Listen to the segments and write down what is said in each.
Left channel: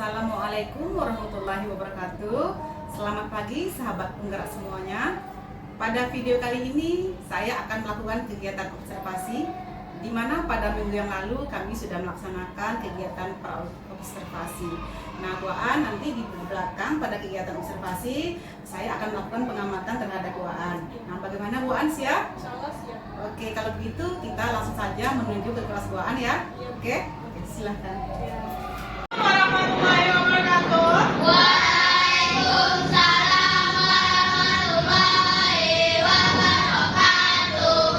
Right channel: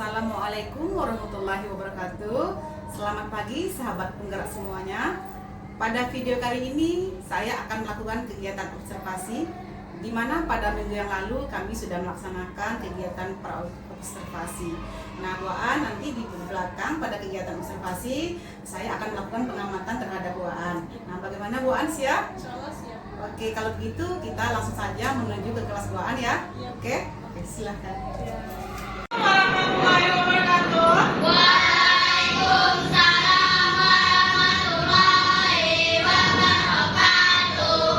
Assalamualaikum warahmatullahi wabarakatuh. Selamat pagi sahabat penggerak semuanya. Pada video kali ini saya akan melakukan kegiatan observasi, di mana pada minggu yang lalu kami sudah melaksanakan kegiatan observasi. Nah, Waan nanti di belakang pada kegiatan observasi saya akan melakukan pengamatan terhadap Waan. Nah, bagaimana Waan, siap? Siap. Oke, kalau begitu kita langsung saja menuju ke kelas Waan ya. Oke, silahkan. Warahmatullahi wabarakatuh. Waalaikumsalam warahmatullahi wabarakatuh.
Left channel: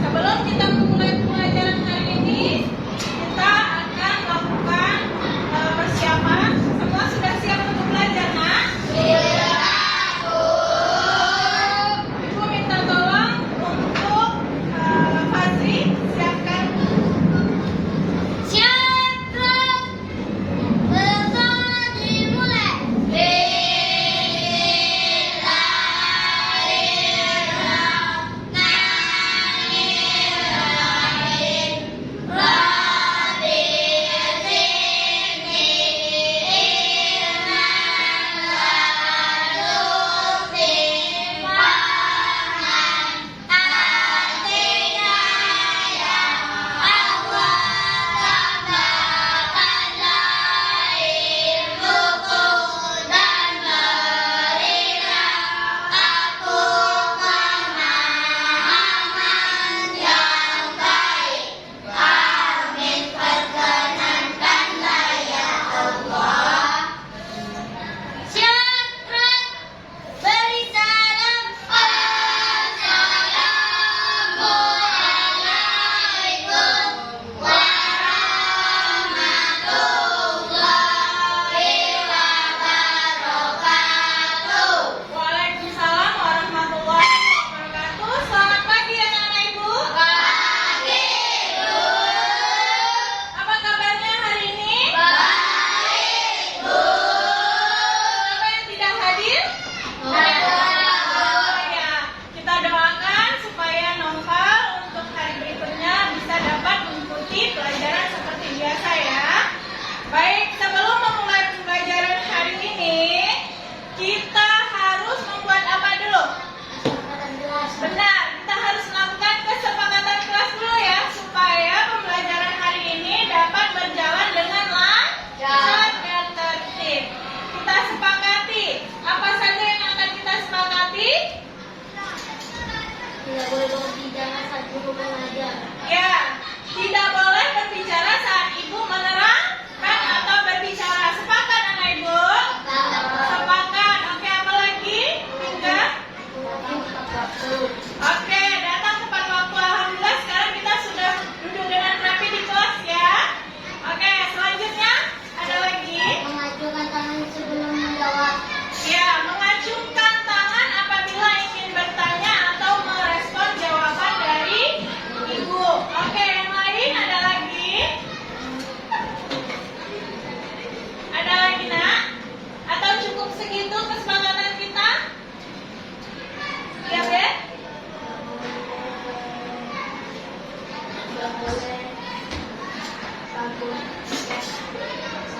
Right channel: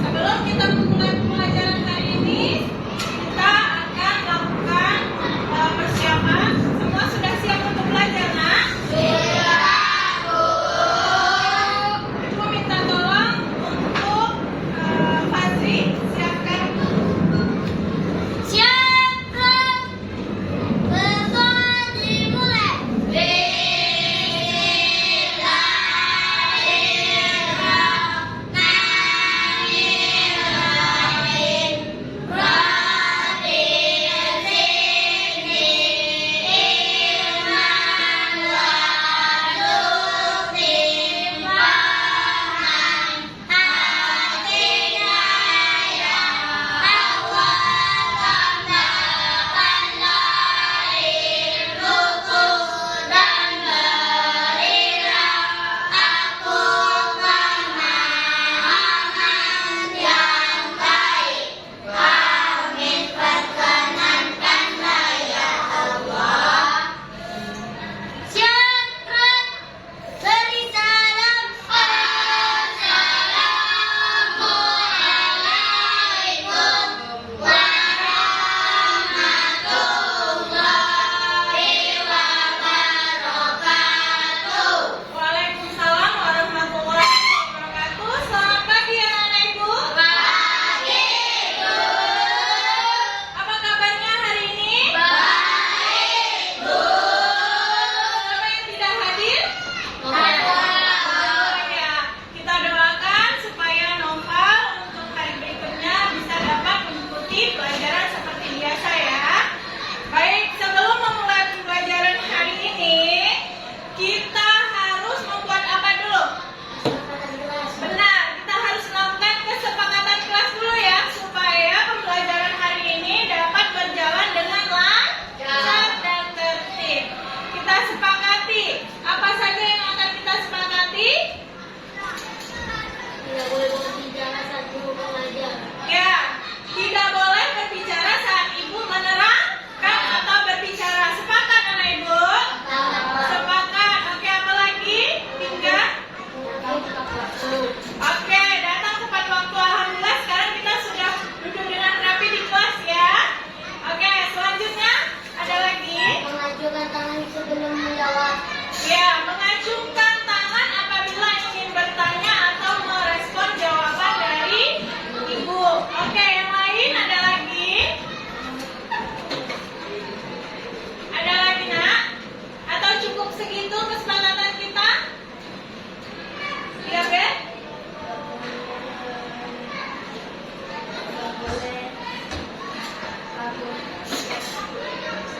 Sebelum kita memulai pelajaran hari ini, kita akan melakukan persiapan. Semua sudah siap untuk belajar, nak? Ibu minta tolong untuk Fazri siapkan. Siap. Pesawat dimulai. Bismillahirrahmanirrahim. Rabbil zidni ilman warzuqni fahman. Atina ya Allah tambahkanlah ilmuku dan berilah aku pemahaman yang baik. Amin. Perkenankanlah ya Allah. Syukran. Beri salam. Assalamualaikum warahmatullahi wabarakatuh. Waalaikumsalam warahmatullahi wabarakatuh. Selamat pagi anak-anak ibu. Pagi, Bu. Apa kabarnya hari ini? Baik, Bu. Siapa yang tidak hadir? Ada. Ya, kita doakan supaya Noval untuk hari berikutnya bisa dapat mengikuti pelajaran seperti biasa ya. Baik, sebelum memulai pembelajaran hari ini, kita harus membuat apa dulu? Benar, kita harus melakukan kesepakatan kelas dulu ya, supaya pembelajaran hari ini dapat berjalan dengan lancar dan tertib. Kita sepakati, apa saja yang akan kita sepakati? Tidak boleh berbicara saat guru mengajar. Ya, tidak boleh berbicara saat ibu menerangkan atau berbicara. Sepakat anak ibu? Sepakat. Oke, apa lagi? Tinggal. Oke, datang tepat waktu. Alhamdulillah sekarang kita sudah duduk dengan rapi di kelas ya. Oke, selanjutnya ada lagi. Mengacungkan tangan sebelum menjawab. Ya, mengacungkan tangan apabila ingin bertanya atau merespon jawaban dari ibu. Oke, yang lain ada lagi? Ada lagi nak? Atau cukup segitu kesepakatan kita? Sudah ya? Tidak boleh.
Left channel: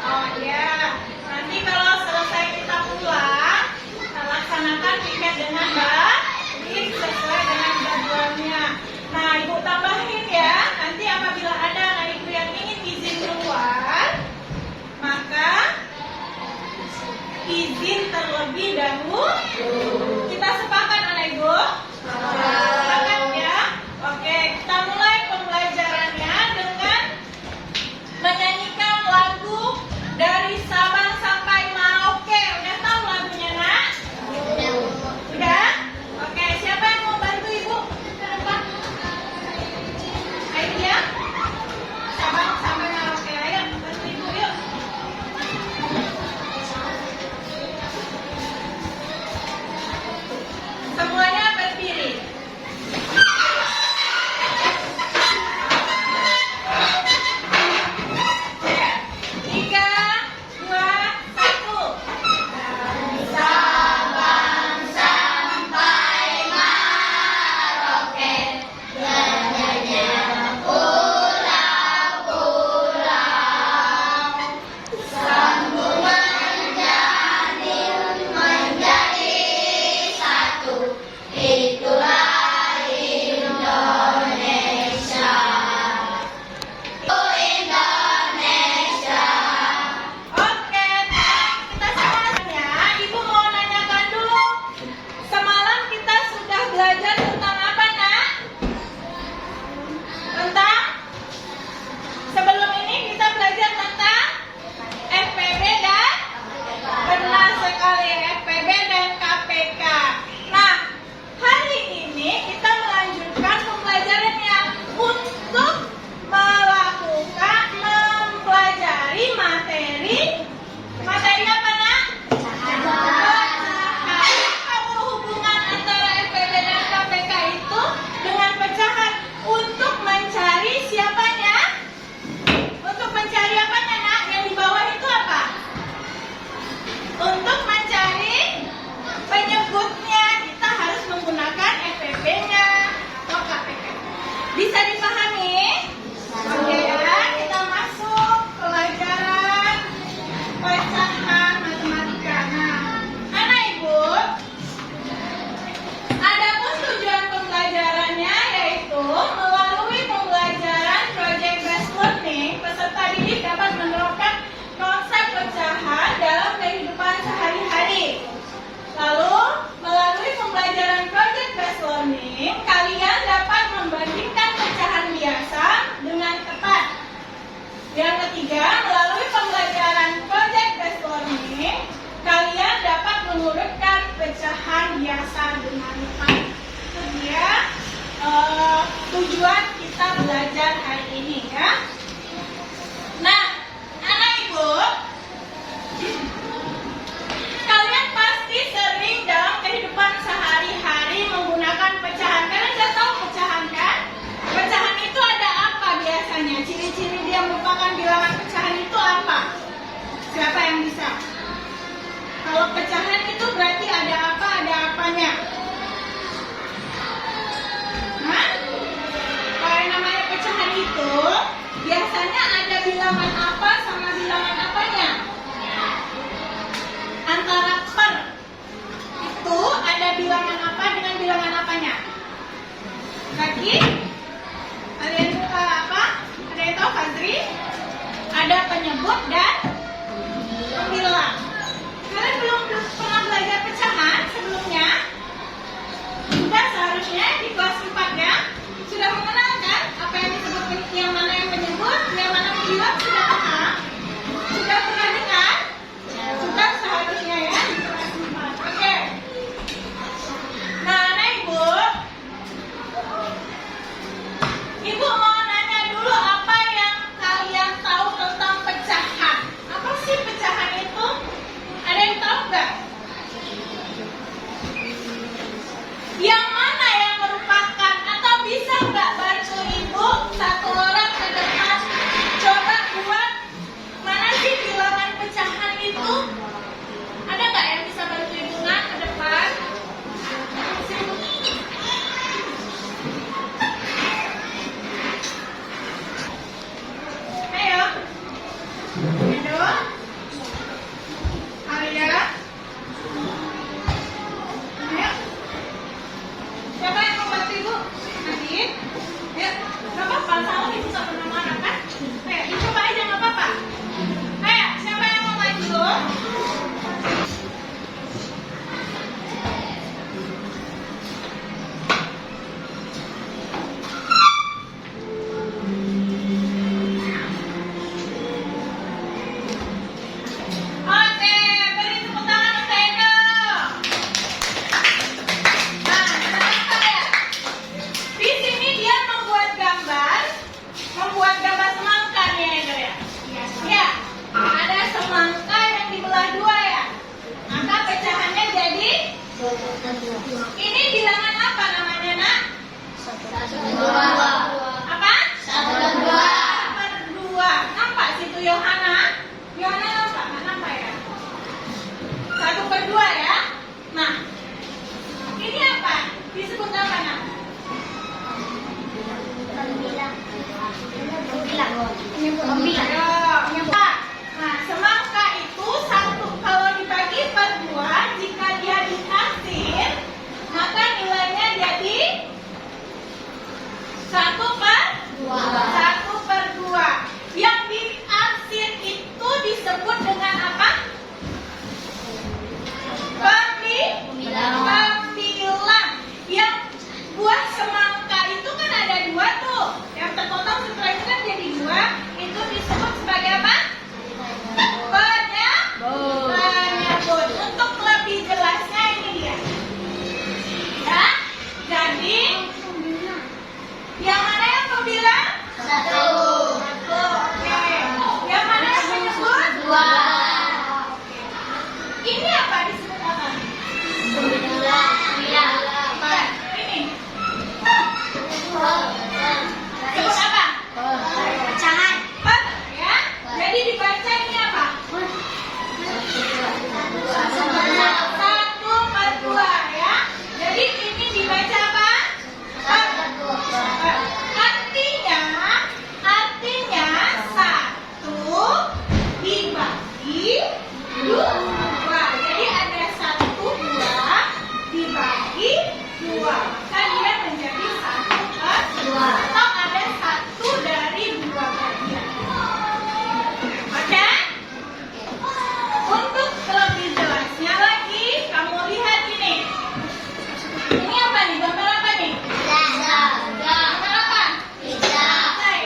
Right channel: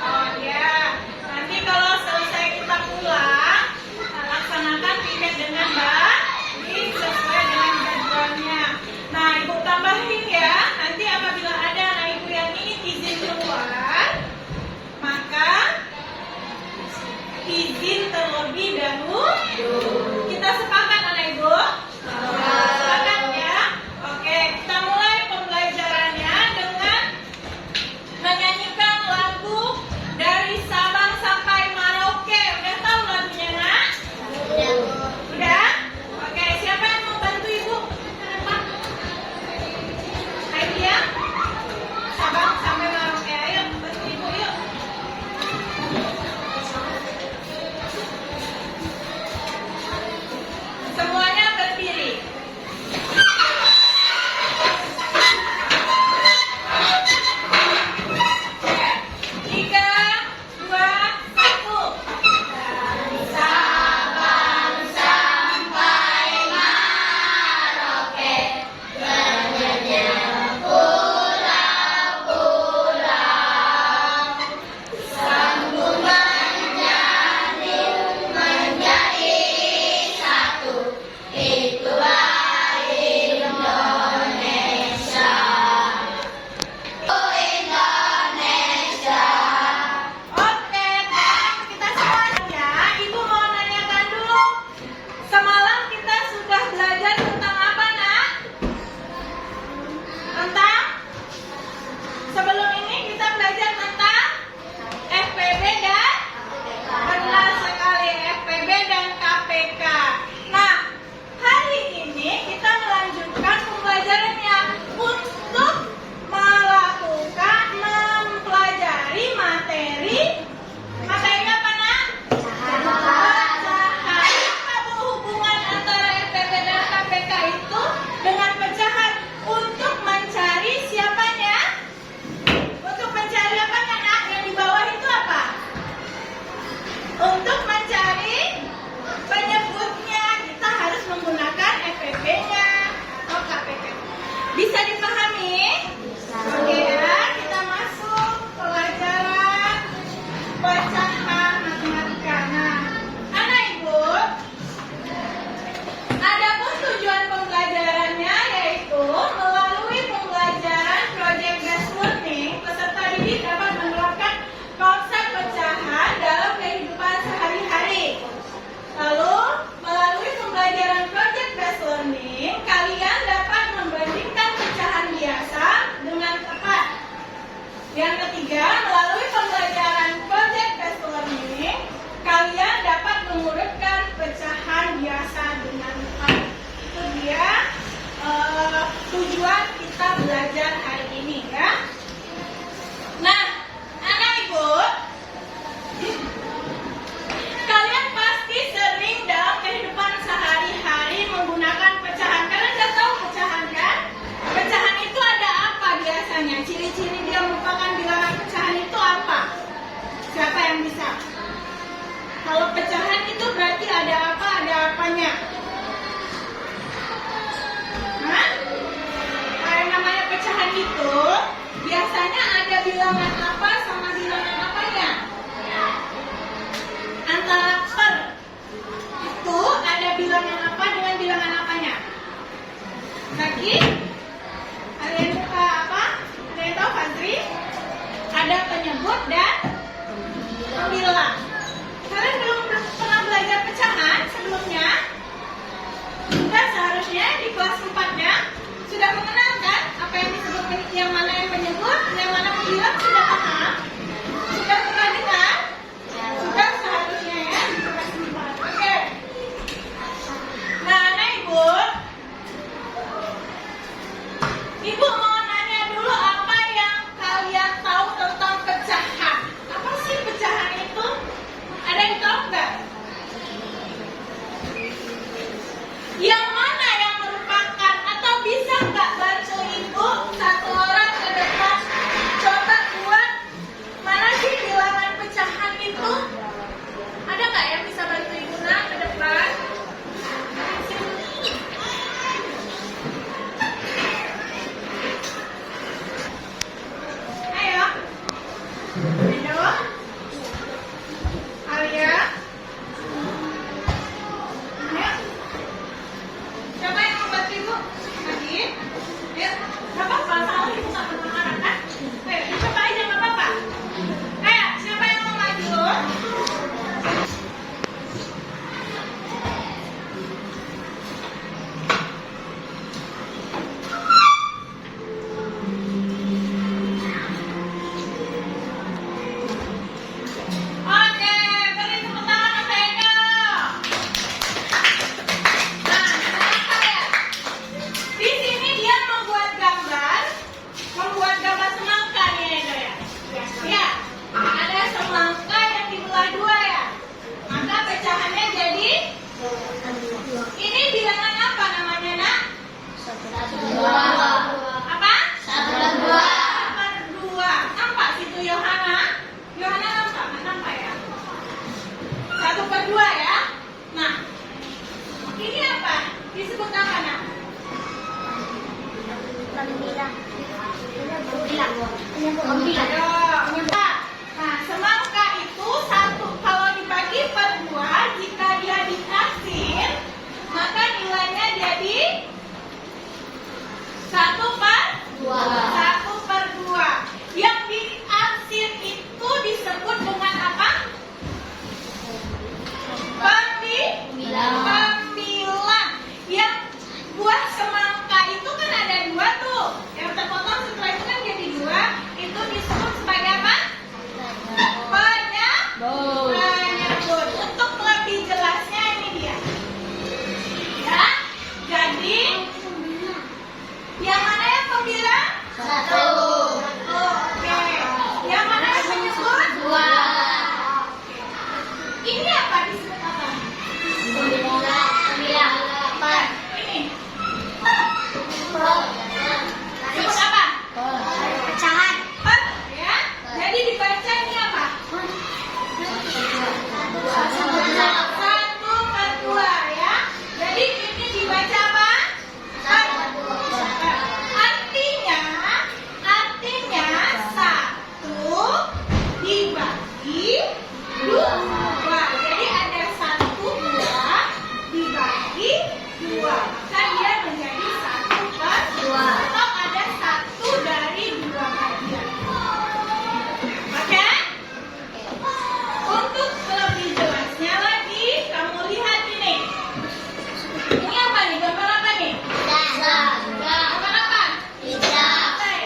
Oh ya, nanti kalau selesai kita pulang, kita laksanakan piket dengan baik sesuai dengan jadwalnya. Nah, ibu tambahin ya, nanti apabila ada anak ibu yang ingin izin keluar, maka izin terlebih dahulu. Kita sepakat anak ibu? Sepakat ya? Oke, kita mulai pembelajarannya dengan menyanyikan lagu dari Sabang sampai Merauke. Udah tahu lagunya nak? Udah? Oke, siapa yang mau bantu ibu ke depan? Ayo ya. Sabang sampai Merauke, ayo bantu ibu yuk. Yang ketiga, melalui pembelajaran project based learning, kalian dapat mengurutkan pecahan biasa dengan baik. Itu dia tujuan kita belajar hari ini ya. Nah, anak ibu, kalian pasti sering dalam kehidupan sehari-hari menggunakan pecahan. Kalian sudah tahu pecahan kan? Pecahan itu ada apa biasanya? Ciri-ciri dia merupakan bilangan pecahan itu apa? Siapa yang bisa? Kalau pecahan itu berarti ada apa? Ada apanya? Hah? Kalau namanya pecahan itu biasanya ada bilangan apa sama bilangan apanya? Antara per itu ada bilangan apa dengan bilangan apanya? Lagi? Ada yang buka apa? Ada yang tahu Fadri? Ada penyebut dan pembilang. Kalian belum pernah belajar pecahan sebelumnya? Sudah seharusnya di kelas 4 ya. Sudah mengenal kan apa yang disebut yang mana yang penyebut, yang mana pembilang, sudah paham? Sudah pernah dengar? Sudah seharusnya ya di kelas 4. Oke. Nah, anak ibu, ibu mau nanya dulu apa yang kalian tahu tentang pecahan. Apa sih pecahan itu? Ada yang tahu nggak? Yang mana yang merupakan, atau bisa nggak bantu ibu satu orang ke depan coba buat mana sih bilangan pecahan itu? Ada nggak yang bisa bantu ibu nak ke depan? Ayo. Ayo. Alia. Ayo. Siapa yang mau bantu ibu? Lagi? Ya, nggak apa-apa. Salah ibu nggak pernah marah kan? Ayo, dicoba aja nggak apa-apa. Ayo, siapa yang mau maju? Oke, beri tepuk tangan untuk Edo. Nah, kenapa ya? Di sini dia membuat gambar semangka nih Edo ya. Ya, ada semangka yang dibelah dua ya. Maka pecahannya jadi ini bilangan apa namanya nak? Apa? 1/2. Nampak situ Yohana? Yohana nampak? Nggak nampak ya? 1/2 ya. Nah, ini apa? Disebut apa nak? Nah, semangka itu satu kalau dibagi per 2, jika dia ditaksir, maka nilainya jadi 1/2. Yang diarsir itu disebut dengan apa? Pembilang. Yang buah semangka itu kan ada 2 tuh. Yang terpotong setelah itu kan jadi 2. Itu disebut sebagai apa? Penyebut. Untuk lebih jelasnya ini dia. Ya. Jadi yang mana yang pembilang? 1. Oke. Yang mana yang penyebut? 2. Ini apa disebut apa? Bukan. Ini. Sebut apa? Pecahan. Ya. Jadi dibaca ini apa? 1/2 ya. Jadi ini dibaca apa? Artinya 1 dibagi 2. Jadi ada 1/2 dibagi 2. Maka dia menjadi 1/2. Atau ada 1 dari 2 bagian. Oke? Untuk lebih jelasnya lagi, kamu lihat ini. Ini apa nih? Gambar apa nih? Gambar apa? Pizza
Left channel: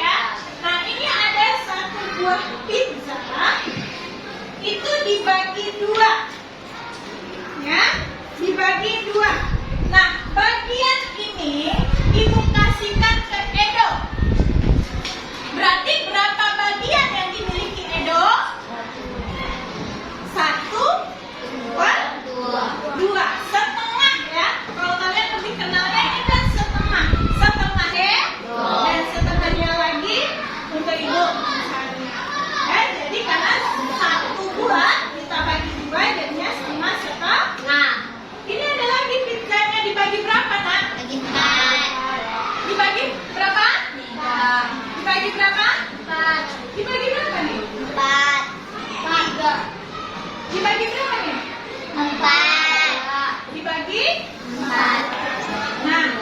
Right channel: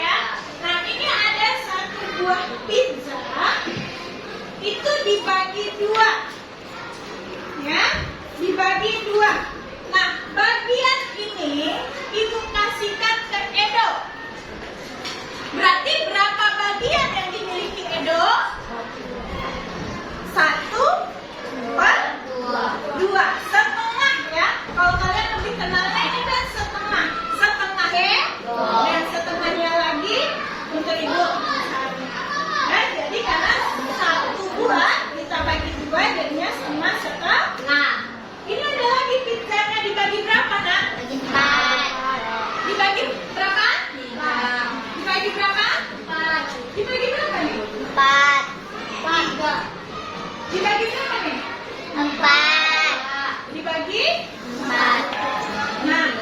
ya. Nah, ini ada 1/2 dua. Ya, dibagi dua. Nah, bagian ini Ibu kasihkan ke Edo. Berarti berapa bagian yang dimiliki Edo? 1/2. Setengah ya. Kalau kalian lebih kenalnya ini kan setengah. Setengah ya. Dan setengahnya lagi untuk Ibu. Ya, jadi karena 1/2 kita bagi 2 jadinya setengah. Ini ada lagi pizzanya dibagi berapa, Nak? Bagi 4. Dibagi berapa? 5. Dibagi berapa? 4. Dibagi berapa nih? 4. 3. Dibagi berapa nih? 4. Dibagi 4. Nah,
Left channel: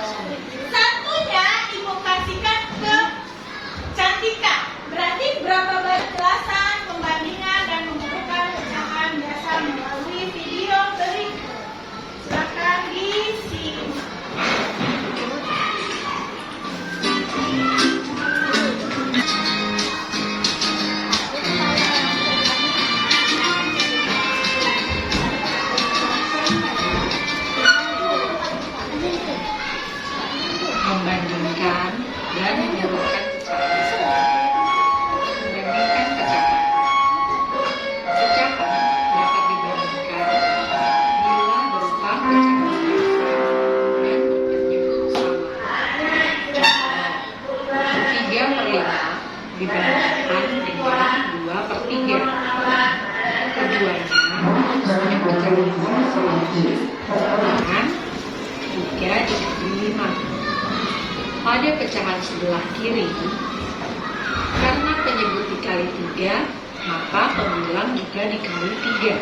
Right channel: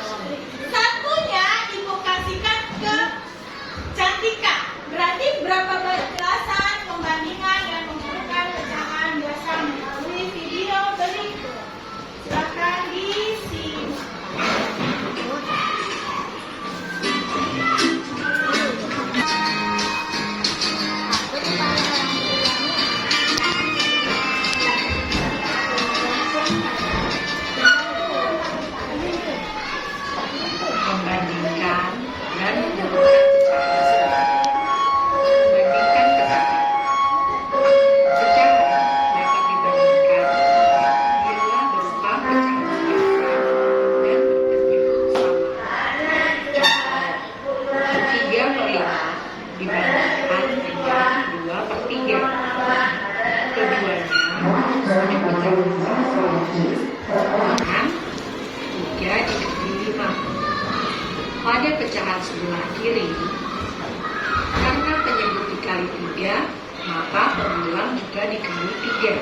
satunya Ibu kasihkan ke Cantika. Berarti berapa balasan pembandingan dan mengumpulkan pecahan biasa melalui video berikut. Silakan disimak. Membandingkan dan menurunkan pecahan. Membandingkan pecahan. Pecahan dapat dibandingkan bila berupa pecahan biasa dan berbentuk sama. Contoh, 3/5 dibandingkan dengan 2/3. Keduanya sudah pecahan dengan 3/5. Pada pecahan sebelah kiri, karena penyebut dikali 3, maka pembilang juga dikali 3.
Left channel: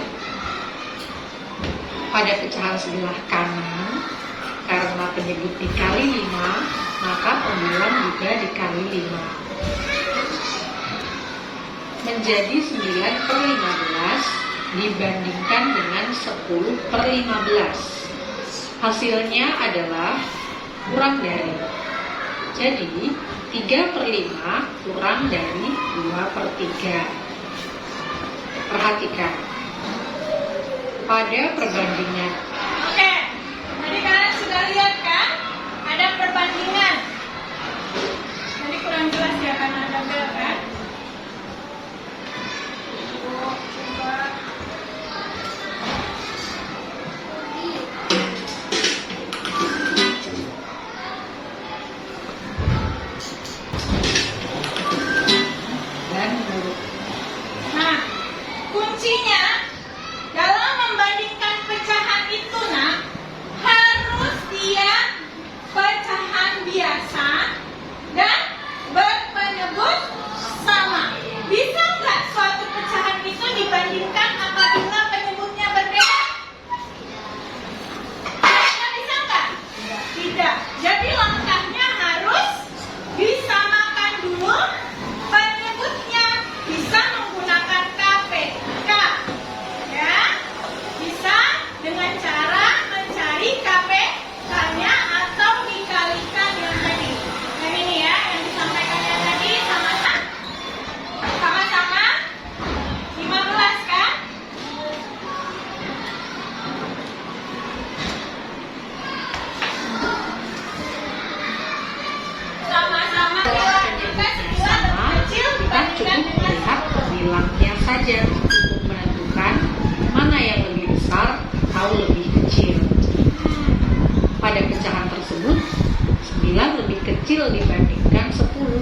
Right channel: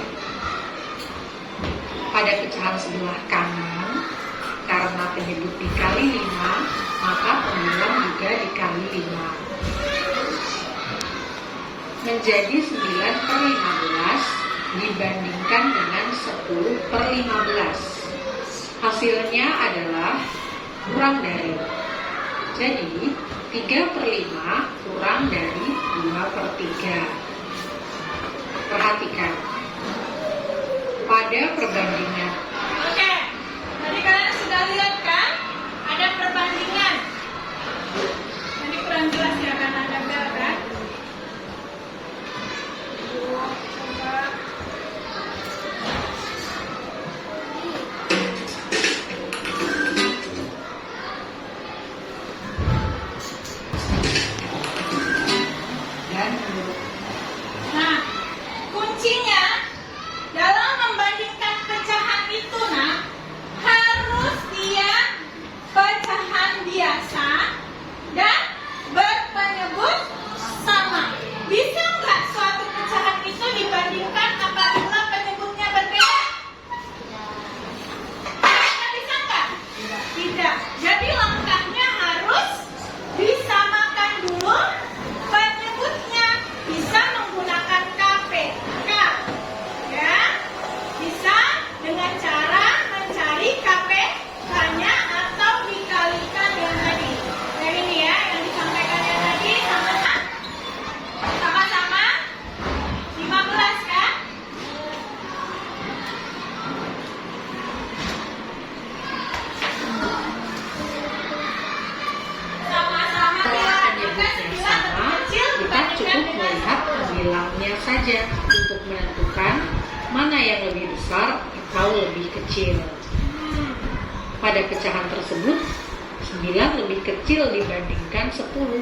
Pada pecahan sebelah kanan, karena penyebut dikali 5, maka pembilang juga dikali 5. Menjadi 9/15 dibandingkan dengan 10/15. Hasilnya adalah kurang dari. Jadi 3/5 kurang dari 2/3. Perhatikan. Pada perbandingan Oke, tadi kalian sudah lihat kan? Ada perbandingan. Nanti kurang jelas ya karena ada bel kan? dan menurut Nah, kuncinya dalam membandingkan pecahan itu, Nak, harus dia pecahan biasa dan berpenyebut sama. Bisa nggak suatu pecahan itu dibandingkan apabila penyebutnya berbeda? Bisa nggak? Tidak. Jadi langkahnya harus disamakan dulu penyebutnya. Bisa menggunakan KPK, ya. Bisa dengan cara mencari KPK-nya atau dikalikan yang tadi. Yang ini ya, yang disampaikan yang tadi sama-sama 15 kan? Sama-sama setelah juga penyebut 9 yang lebih sama, kecil kita dibandingkan cukup dengan melihat pembilangnya saja untuk menentukan mana yang lebih besar atau lebih kecil. Pada pecahan tersebut, 9 lebih kecil dibandingkan 10,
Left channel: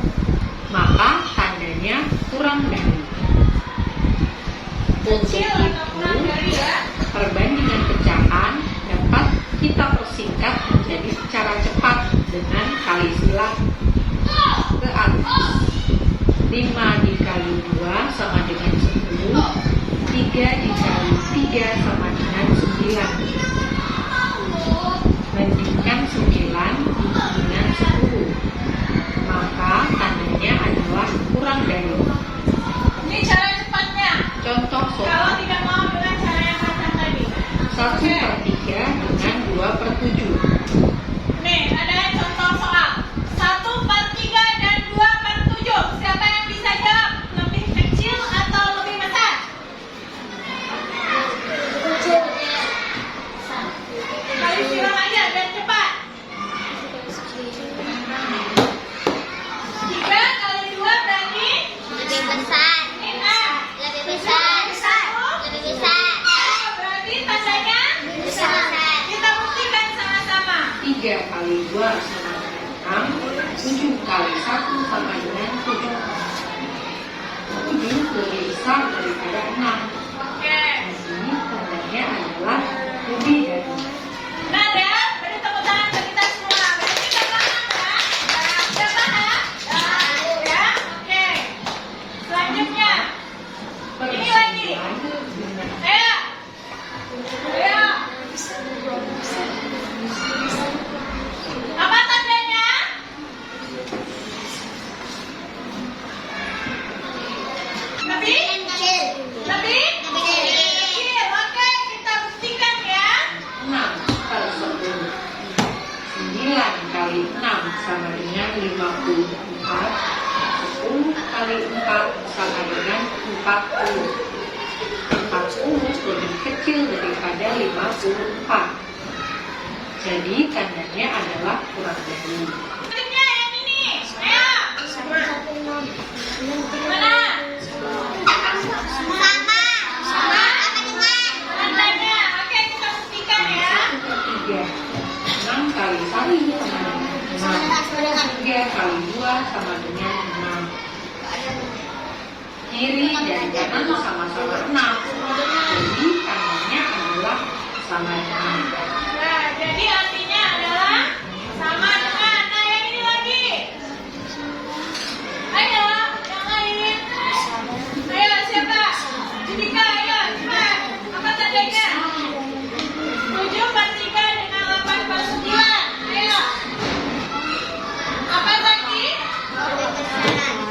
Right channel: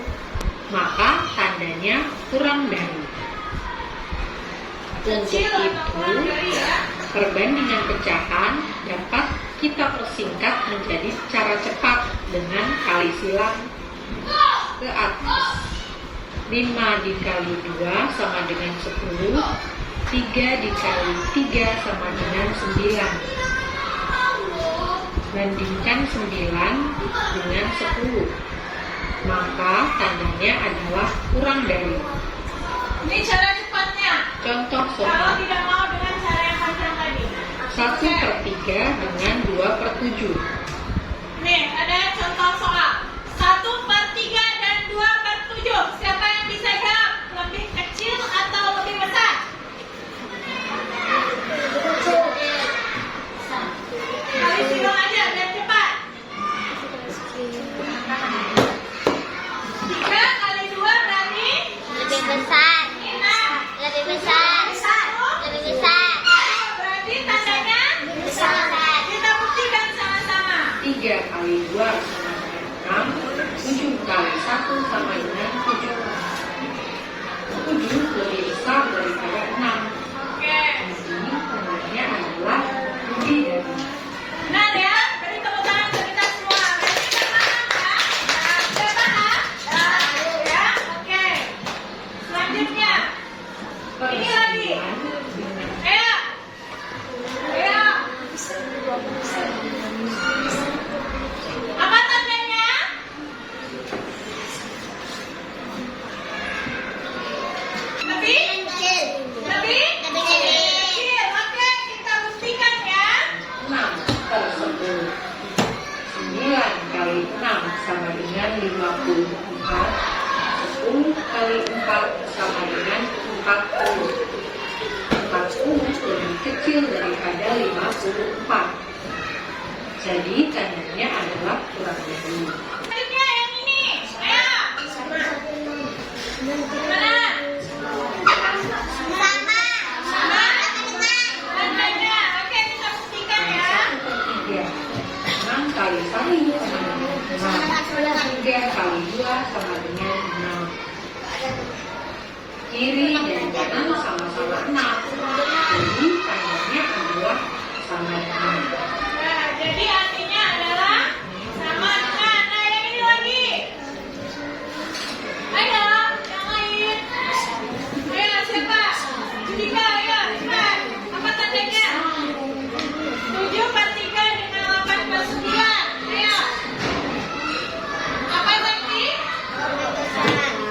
maka tandanya kurang dari. Untuk kecil atau kurang itu, dari ya. perbandingan pecahan dapat kita persingkat menjadi secara cepat dengan kali silang ke atas. 5 dikali 2 sama dengan 10, 3 dikali 3 sama dengan 9. Bandingkan 9 dengan 10, maka tandanya adalah kurang dari. Ini cara cepatnya. Contoh Kalau soal tidak mau dengan cara yang panjang tadi. 1/3 dengan 2/7. Nih, ada contoh soal 1/3 dan 2/7. Siapa yang bisa jawab? Lebih kecil atau lebih besar? 3 kali 2 sama dengan 6. 7 kali 1 sama dengan 7. 7 lebih besar daripada 6. Oke. Jadi tandanya adalah lebih dari. Benar ya? Beri tepuk tangan ke kita semua. Berarti kita paham ya? Sudah paham? Ya? Oke. Selanjutnya. Ini lagi. Ayo. Ayo. Apa tandanya? Lebih? Lebih? Kecil. Oke, kita buktikan ya. 6 kali 10. 9 kali 6 sama dengan 54. 10 kali 4 sama dengan 40. 40 lebih kecil daripada 54. Jadi tandanya adalah kurang dari. Selanjutnya yang ini. Ayo. Mana? Tandanya. Oke, kita buktikan ya. Yang ketiga, 6 kali 1 sama dengan 6. 3 kali 2 sama dengan 6. Kiri dan kanan sama-sama 6. Jadi tandanya adalah sama dengan. Nah, jadi artinya adalah sama dengan. Nah, yang ini lagi. Ayo, yang lain. Ayo, siapa? Judika, ayo, cepat. Apa tandanya? 7 per 3 dengan 8 per 9. Ayo. Apa lagi?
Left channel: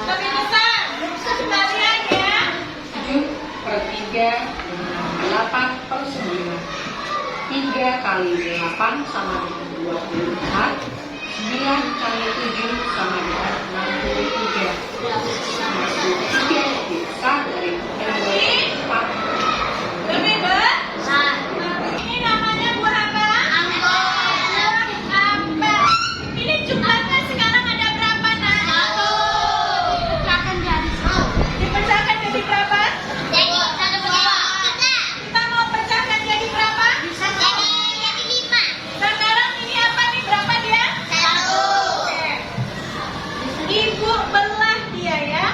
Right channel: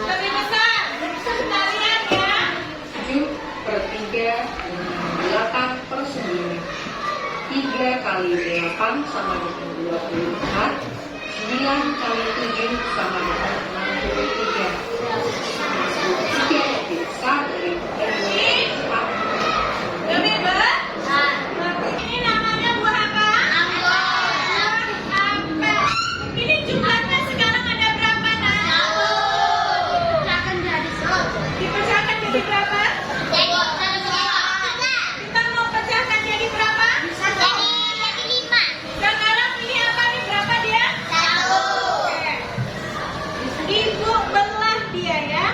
Lebih besar. Kita lihat ya. 7 per 3 dengan 8 per 9. 3 kali 8 sama dengan 24. 9 kali 7 sama dengan 63. 63 lebih besar daripada 24. Lebih besar. Ini namanya buah apa? Apa? Ini jumlahnya sekarang ada berapa, Nak? Dipecahkan jadi berapa? Kita mau pecahkan jadi berapa? Sekarang ini apa nih? Berapa dia? Oke. Ibu belah dia ya.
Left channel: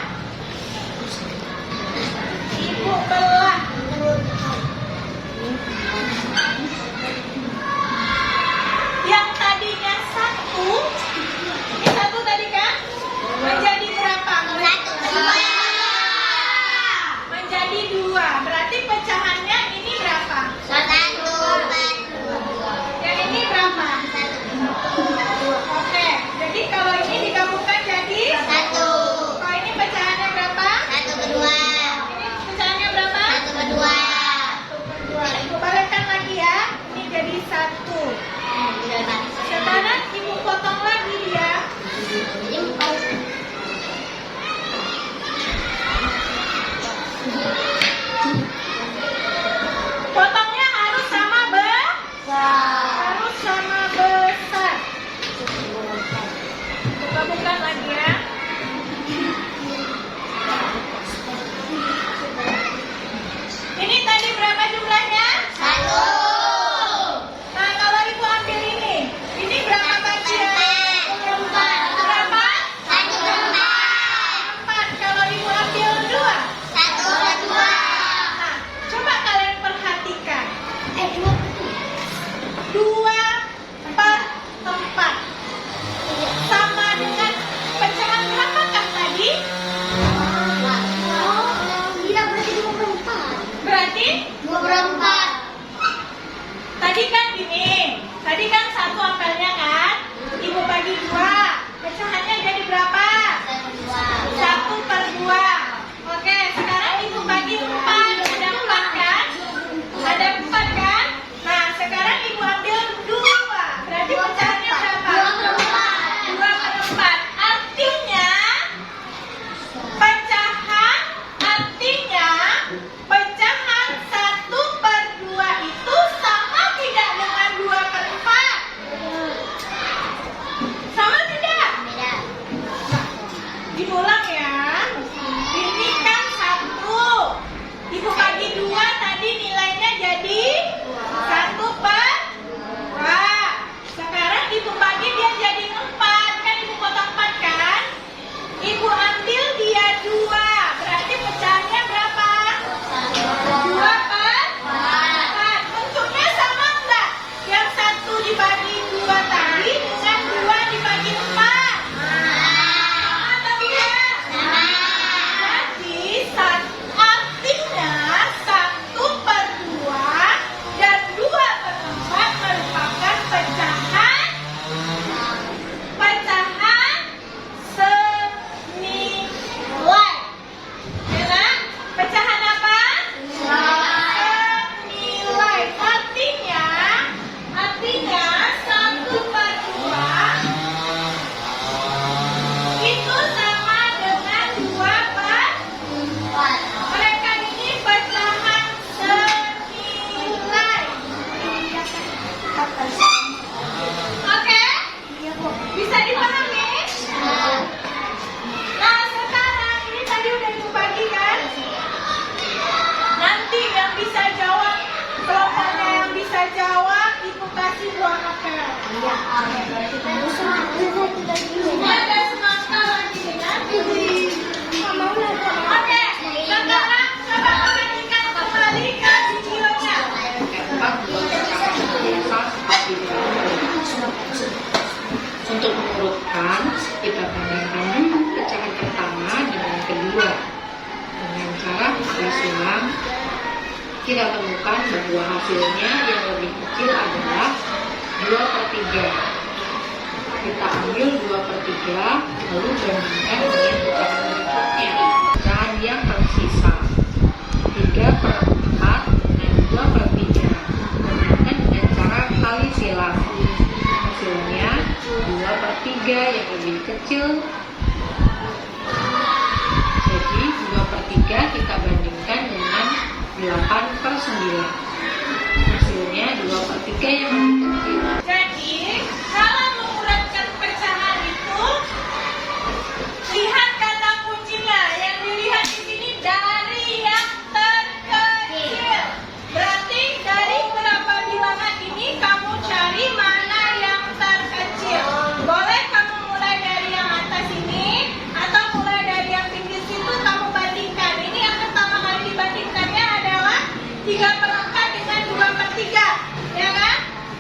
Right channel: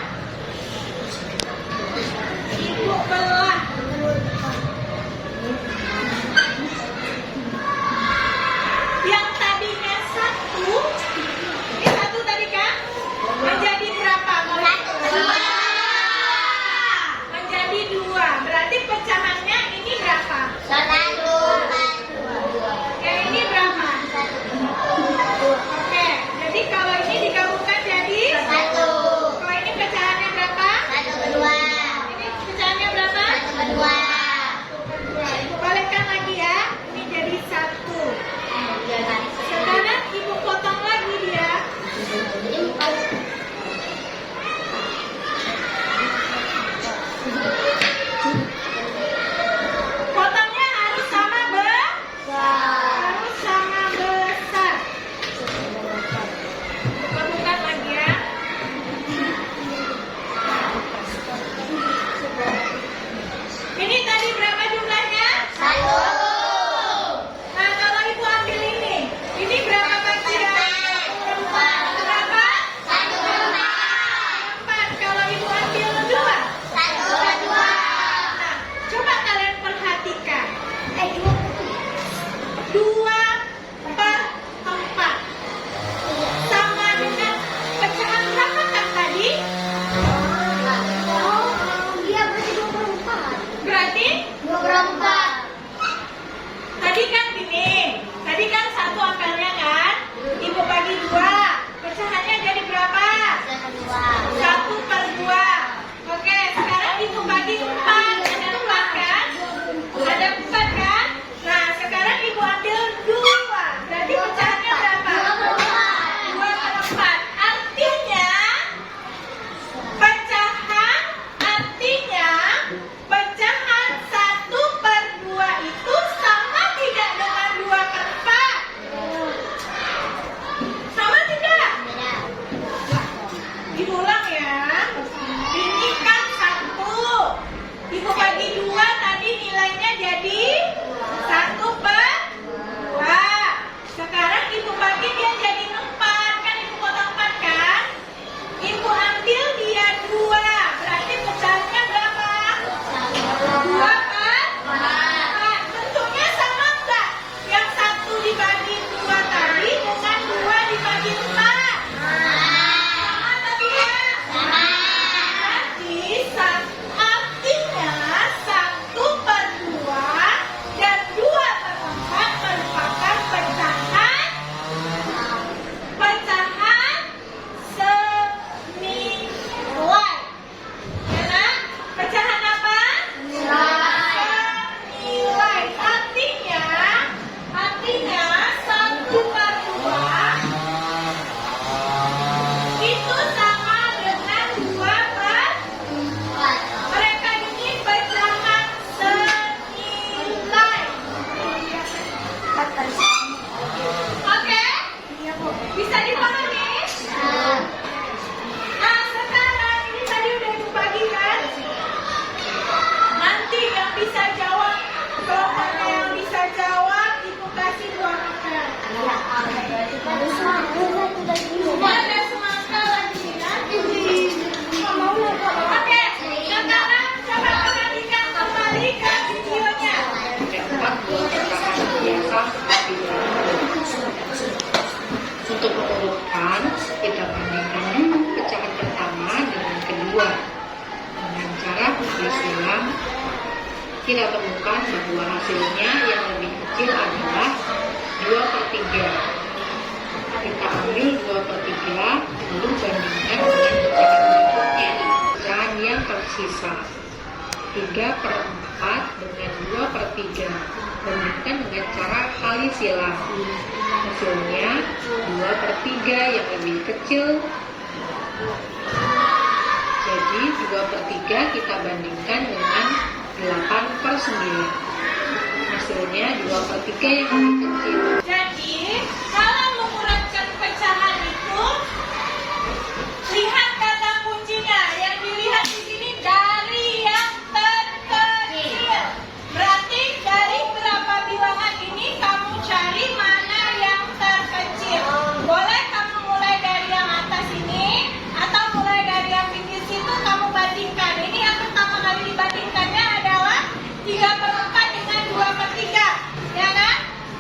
Semua ada semangka lagi ya. Oke, sekarang coba perhatikan kembali ke videonya. Keempat, buat perkataan biasa seperti berikut. Untuk mengurutkan, kita bandingkan dulu pecahan pertama dengan kedua. Dengan cara putar silang, kita temukan bahwa hasilnya yang lebih kecil adalah 2/3. Kita ambil 2/3, lalu bandingkan dengan pecahan berikutnya. Pecahan yang tersisa 3/4 dengan 2/3. Bandingkan dengan cara kali silang. Hasilnya 2/3 yang lebih kecil. Jadi 2/3 kita bandingkan dengan 8/9. Hasilnya 2/3 yang lebih kecil. Jadi, kalau mengurankan pecahan itu, lihat kata kuncinya. Yang dilihat di sini dari yang terkecil. Berarti dari berapa bilangan ini kamu cari mana yang terkecil. Boleh kamu mulai dari yang atas ini atau mulai dari yang pinggir situ kamu bandingkan. Ini yang pertama kali dibandingkannya adalah 3/4 dengan 2/3, ya kan?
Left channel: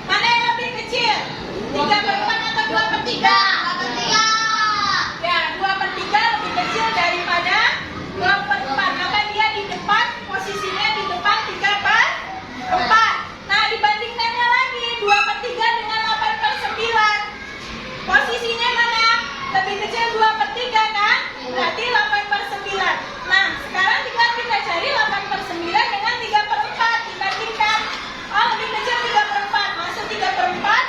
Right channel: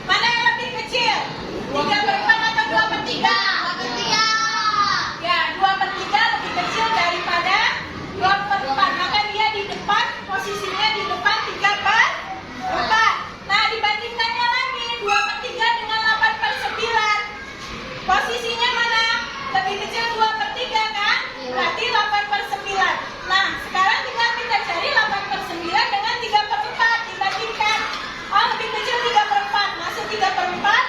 Mana yang lebih kecil? 3/4 atau 2/3? Ya, 2/3 lebih kecil daripada 2/4. Maka dia di depan, posisinya di depan 3/4. Nah, dibandingkannya lagi 2/3 dengan 8/9. Posisinya mana? Lebih kecil 2/3 kan? Berarti 8/9. Nah, sekarang tinggal kita cari 8/9 dengan 3/4. Dibandingkan. Oh, lebih kecil 3/4. Masuk 3/4.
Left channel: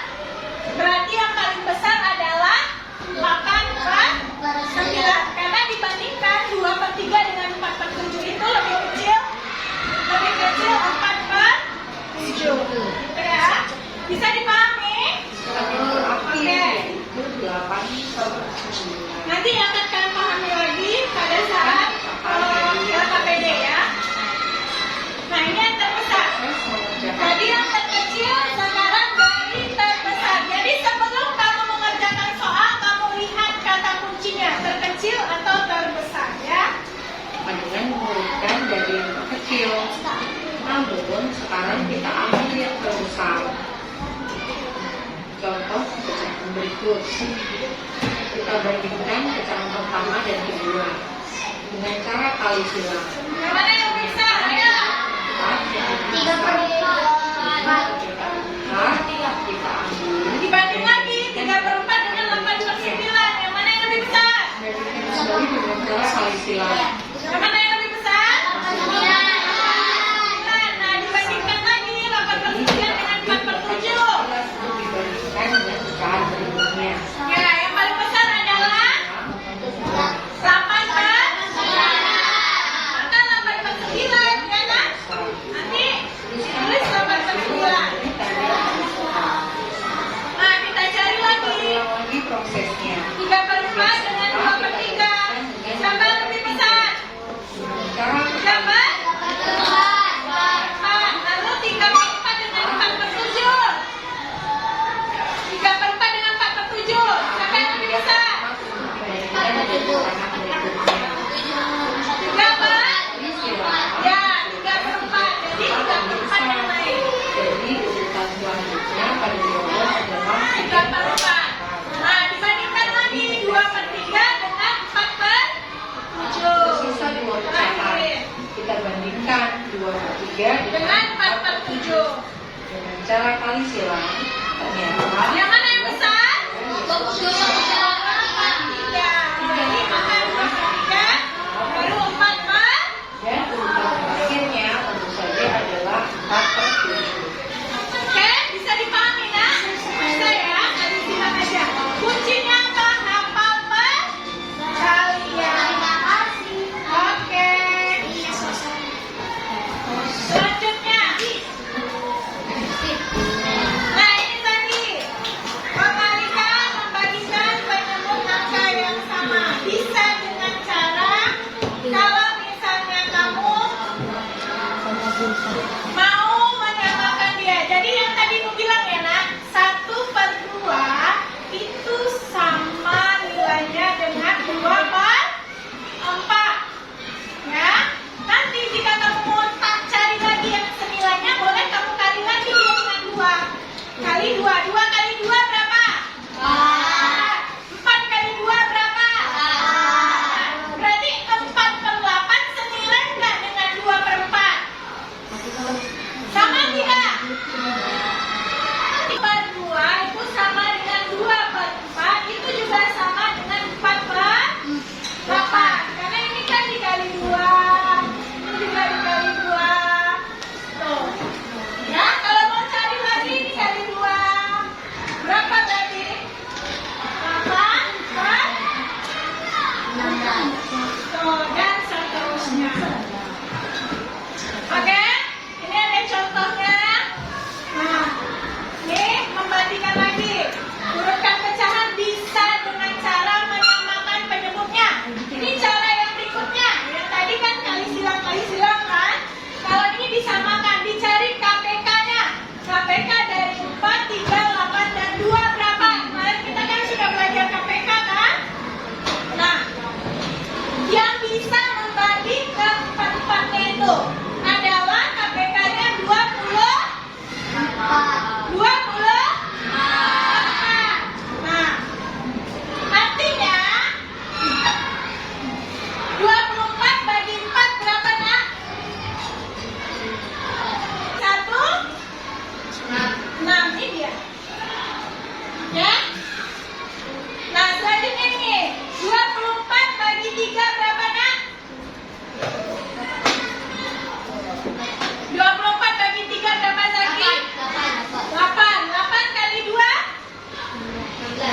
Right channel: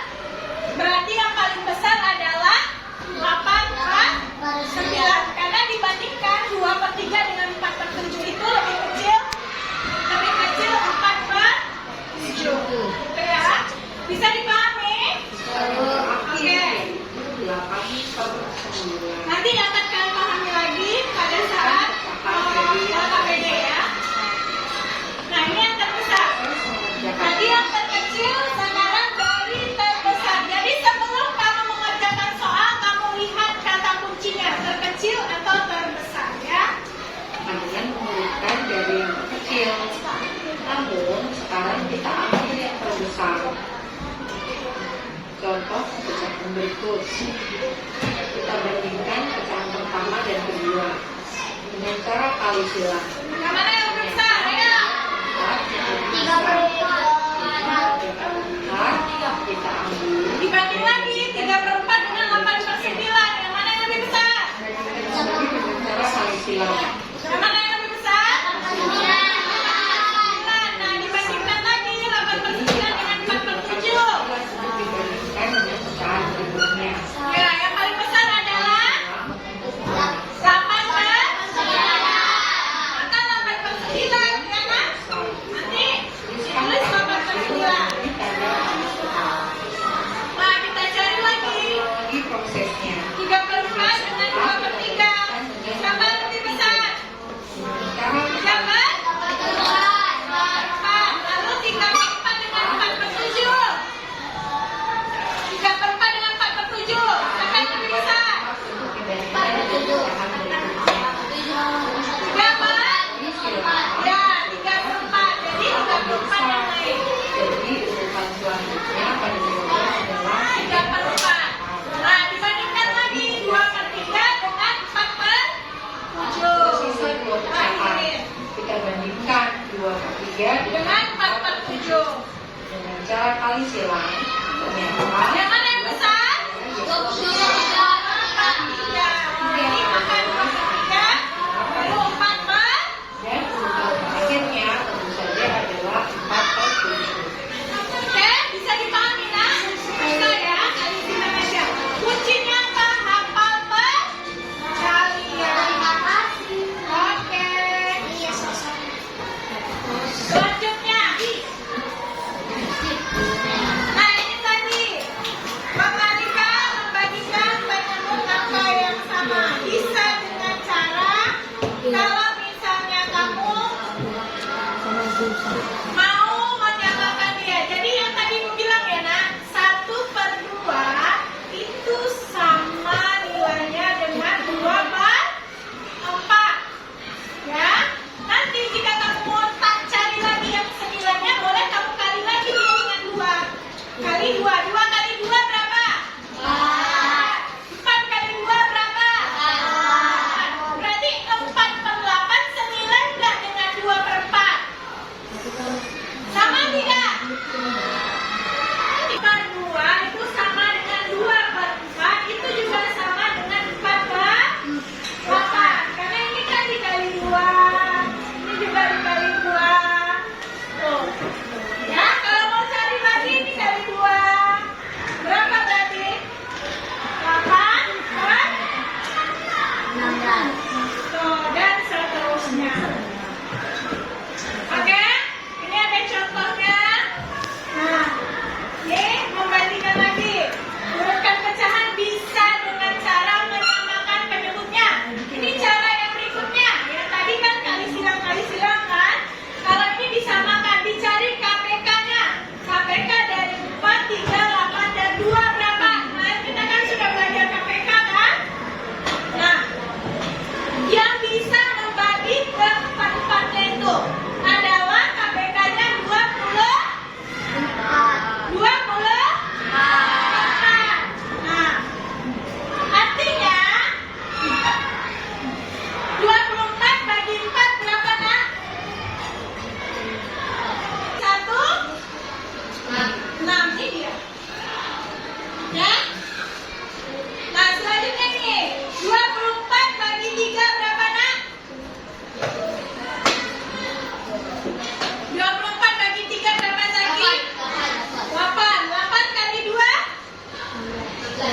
Berarti yang paling besar adalah 8/9. Karena dibandingkan 2/3 dengan 4/7 itu lebih kecil 4/7. Oke ya? Bisa dipahami? Oke. 8/9. Nanti akan kalian pahami lagi pada saat KPD ya. Nah, ini yang terbesar. Jadi yang terkecil sekarang dari terbesar. Jadi sebelum kamu mengerjakan soal, kamu lihat kata kuncinya terkecil atau terbesar ya. Dengan mengurutkan dari yang terkecil. Namun sekarang kita ambil yang terbesar. Contoh pecahan berikut. Kita bandingkan pecahan pertama dan kedua dengan cara kali silang. Yang mana yang lebih besar? Ayo. 4 yang lebih besar. 3/4 kita ambil. Dibanding lagi 3/4 dengan 8/9. Yang mana yang lebih besar? Bandingkan kembali dengan cara kali silang. Yang mana yang lebih besar? 8/9. Nah, dibandingkan lagi 8/9 dengan 4/7. Untuk dibandingkan dengan pecahan berikutnya. Ya, yang paling besar adalah 8/9. Maka 8/9 ya kan? Nanti ditulis 8/9. Nah, kita cari lagi Lagi prosesnya. 3/4 dengan 2/3. Siapa yang lebih besar? Cara Siapa? 4. Lalu 3/4 dengan 4/7. 3/4 dengan 4/7. Siapa yang lebih besar? Berapa? Ya, 3/4. Jadi 3/4 yang naik. Jadi urutan selanjutnya pada jawaban adalah 3/4. Nah, dibandingkan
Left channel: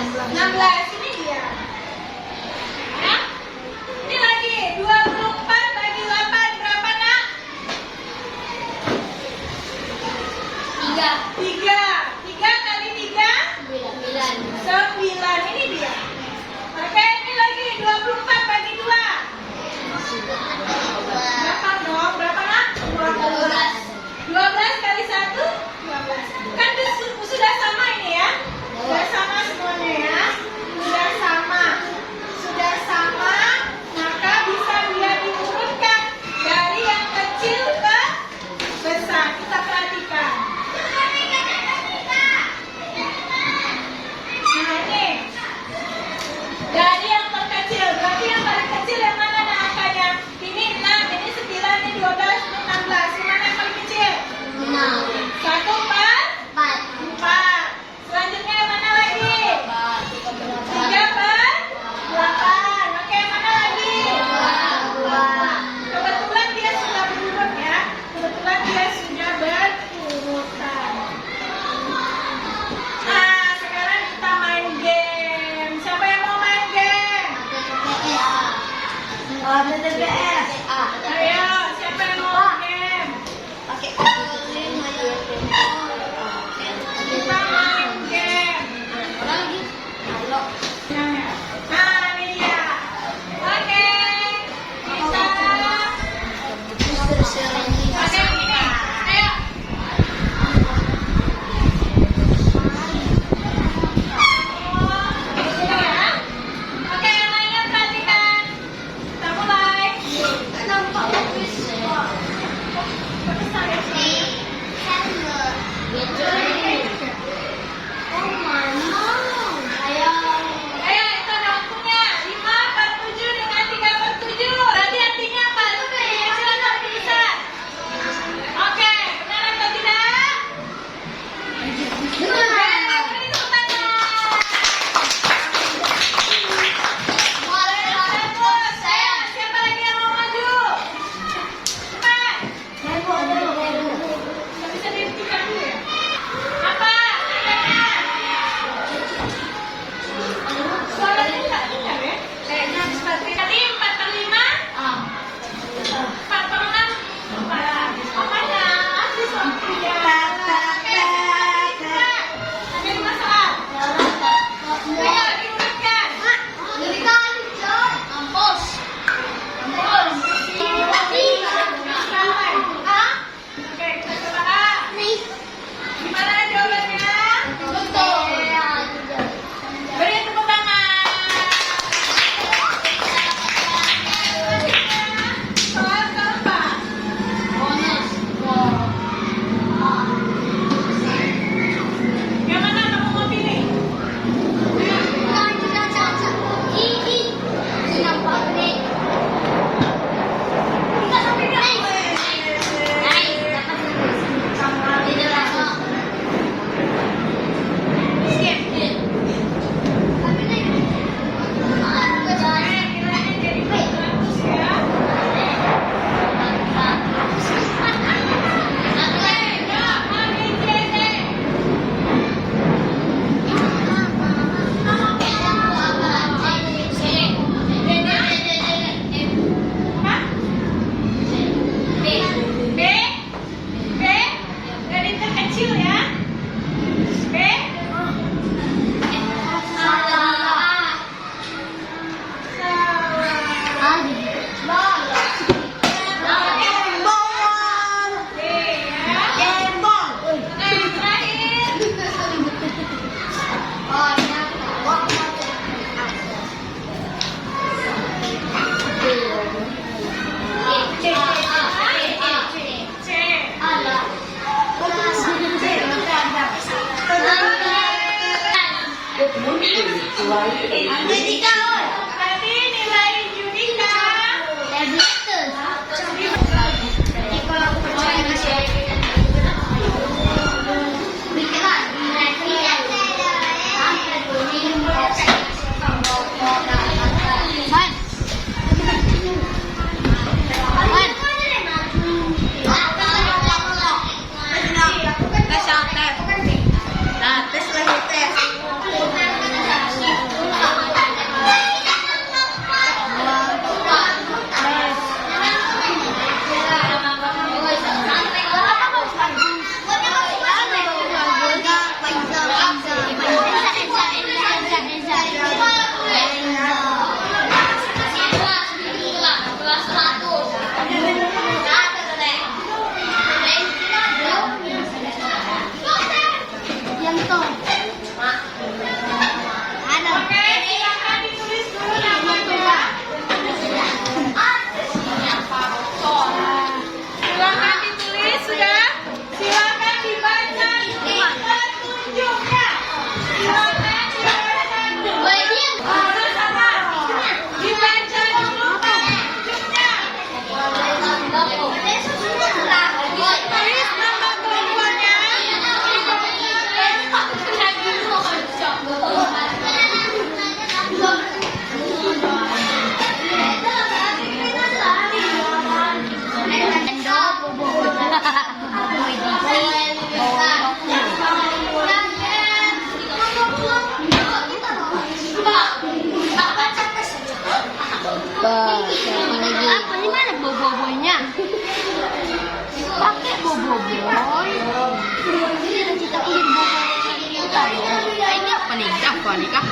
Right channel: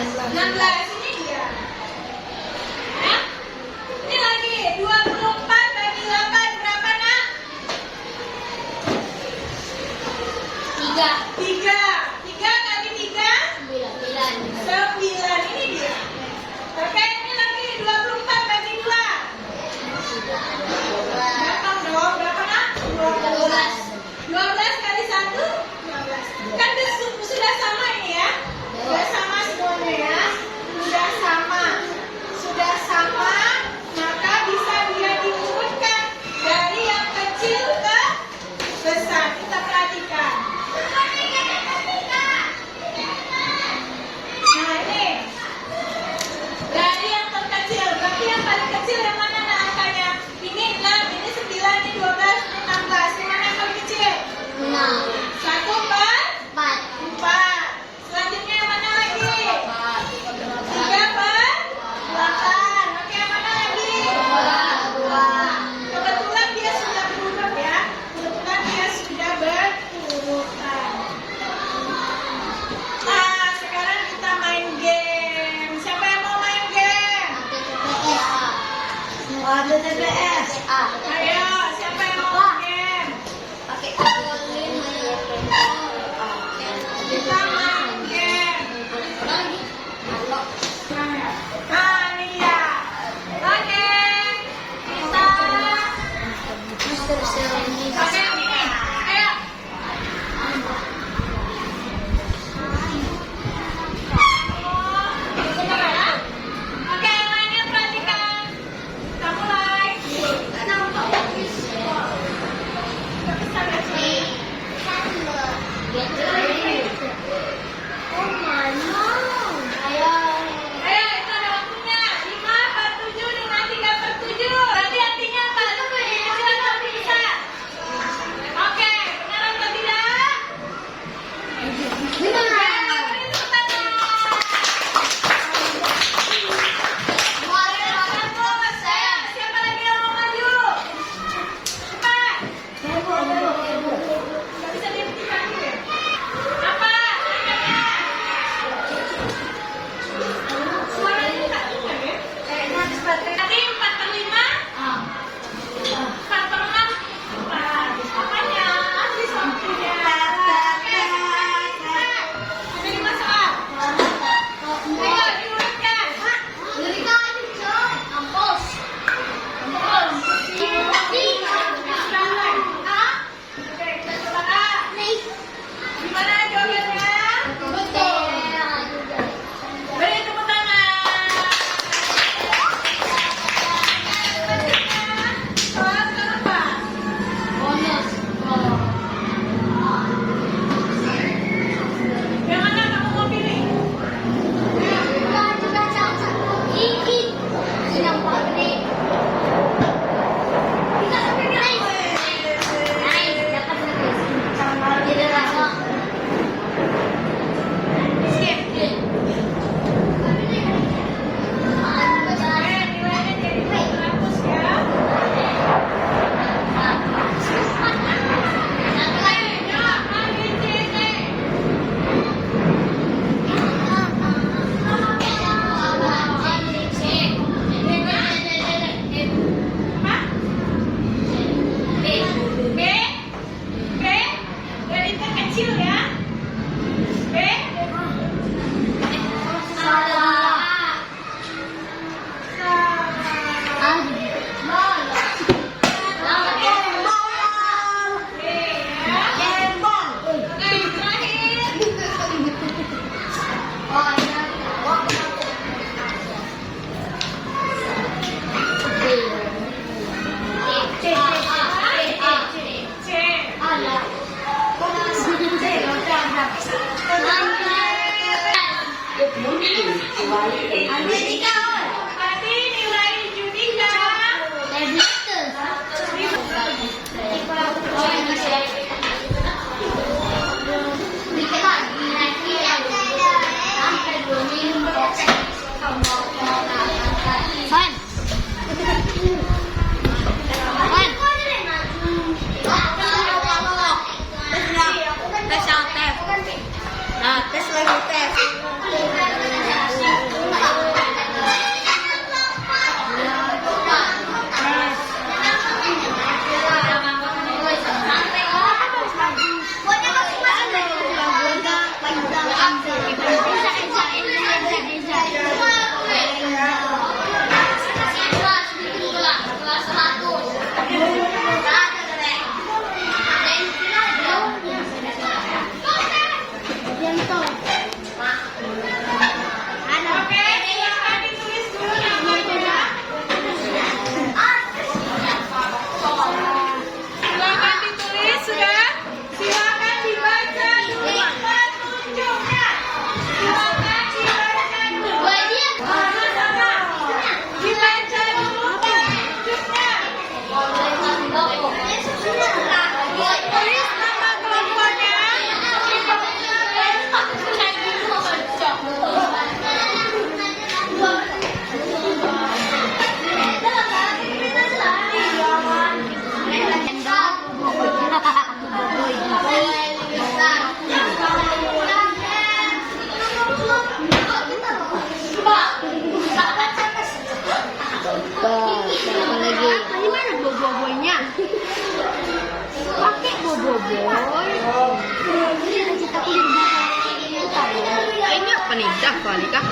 16 ini dia. Ya. Ini lagi 24 bagi 8 berapa nak? 3. 3 kali 3 9. 9 ini dia. Oke, ini lagi 24 bagi 2. Berapa dong? Berapa nak? 12 kali 1 12. Kan sudah sama ini ya? Sudah sama semuanya ya? Sudah sama, maka bisa dia diurutkan dari yang kecil ke besar. Kita perhatikan. Nah ini dari yang terkecil, berarti yang paling kecil yang mana nak angkanya? Ini 6, ini 9, ini 12, ini 16. Yang mana yang paling kecil? 1 per 4. Selanjutnya yang mana lagi? 3 per 8. Oke, yang mana lagi? Kebetulan dia sudah berurut ya. Kebetulan dia sudah berurutan. Nah, sekarang kita main game. Siapa yang mau main game? Ayo, siapa yang mau main game? Kita main game. Nah, ini dia. Oke. Kita Oke, ini. Ayo. Oke, yang lainnya perhatikan. Kita mulai. Ayo, itu ada waktunya. 5 per 7 dengan 3 per 7. Berarti artinya apa? Lebih kecil atau lebih besar? Oke, benar atau tidak? Oke, beri tepuk tangan. Bagus. Siapa lagi yang mau maju? Cepat. Nggak bisa dihentikan dulu ya? Apa? Suaranya nggak dengar ya? Kayaknya habis baterai. Tadi 4 per 5? 4 per 6? Makanya habis waktunya. Oke, ada yang masalah? Ayo, diurutkan. Oke, kita coba A. Gimana jawabannya? Beri tepuk tangan. Soal keempat. Yang mana kamu mau pilih? Kita sampai nilainya jadi 400 ya. B dari terkecil ya. B berarti nilai Judika Nah, terus lagi tes. Boboiboy. Cita-cita ku jadi Boboiboy utama. Ini apa nih? Apa nih kak?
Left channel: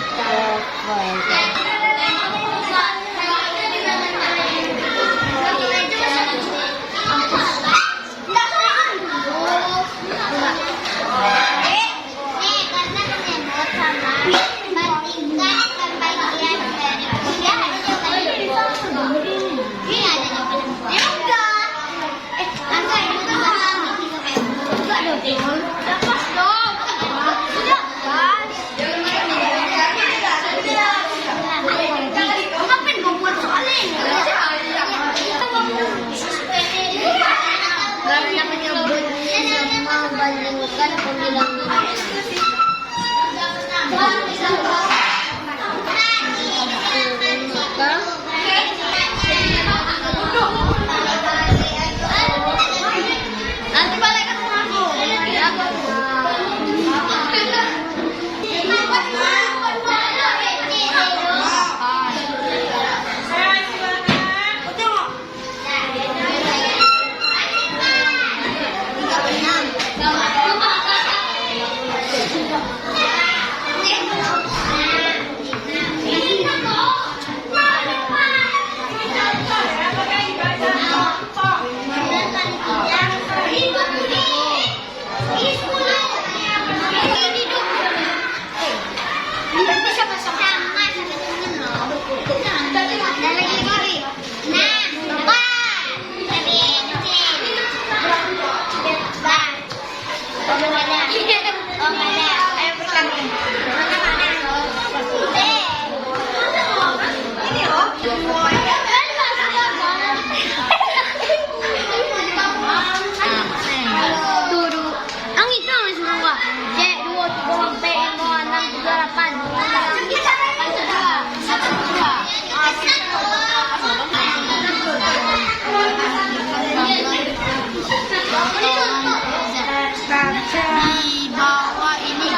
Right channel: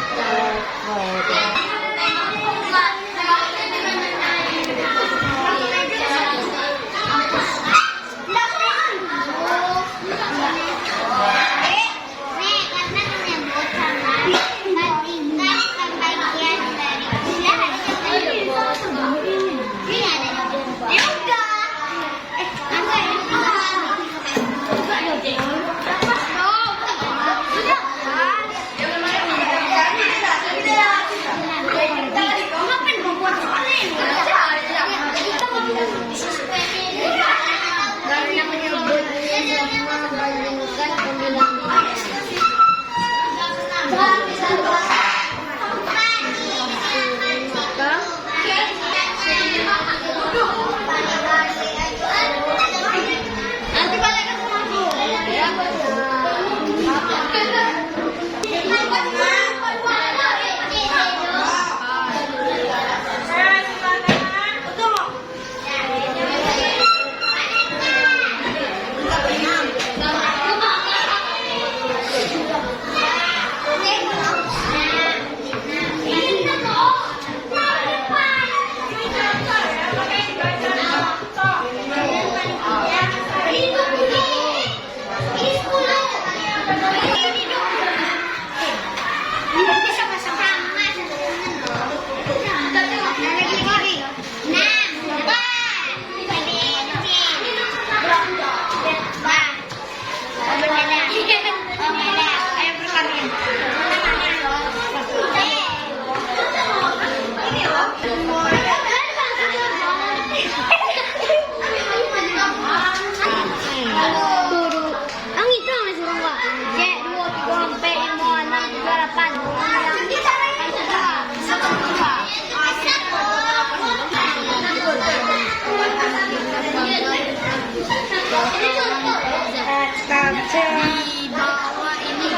Lepas dong. Udah pas. Ngapain kau buat sekali? Karena menyebut membandingkan pembilang. Nanti balik ke di bawah ini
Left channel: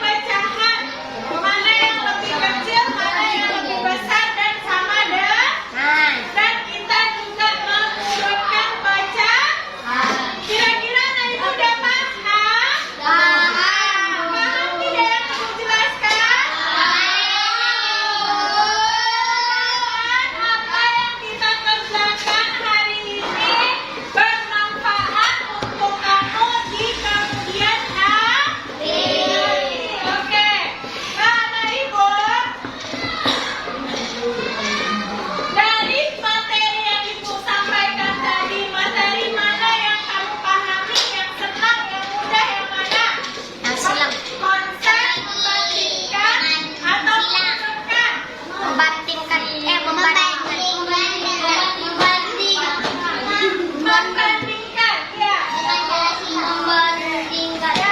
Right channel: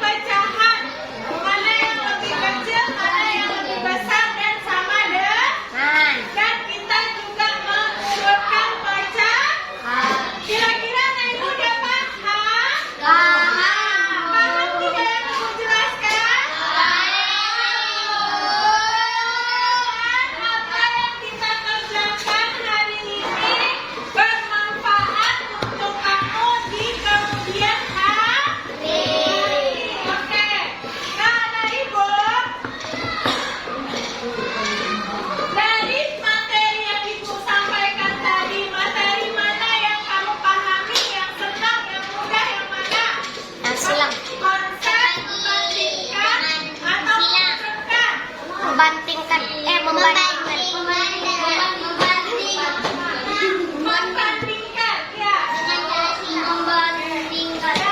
pecahan. Mana yang lebih kecil, mana yang lebih besar dan sama dengan. Dan kita juga mengurutkan pecahan. Kira-kira Anak Ibu udah paham? Paham tidak yang Ibu jelaskan? Apa yang kita kerjakan hari ini bermanfaat untuk kamu di kemudian hari. Oke. Nah, Anak Ibu, dari materi yang Ibu sampaikan tadi, materi mana yang kamu pahami, yang senang, yang mudah, yang mana? Konsep, membandingkan, atau menunjukkan? Membandingkan. Membandingkan, ya. Ya,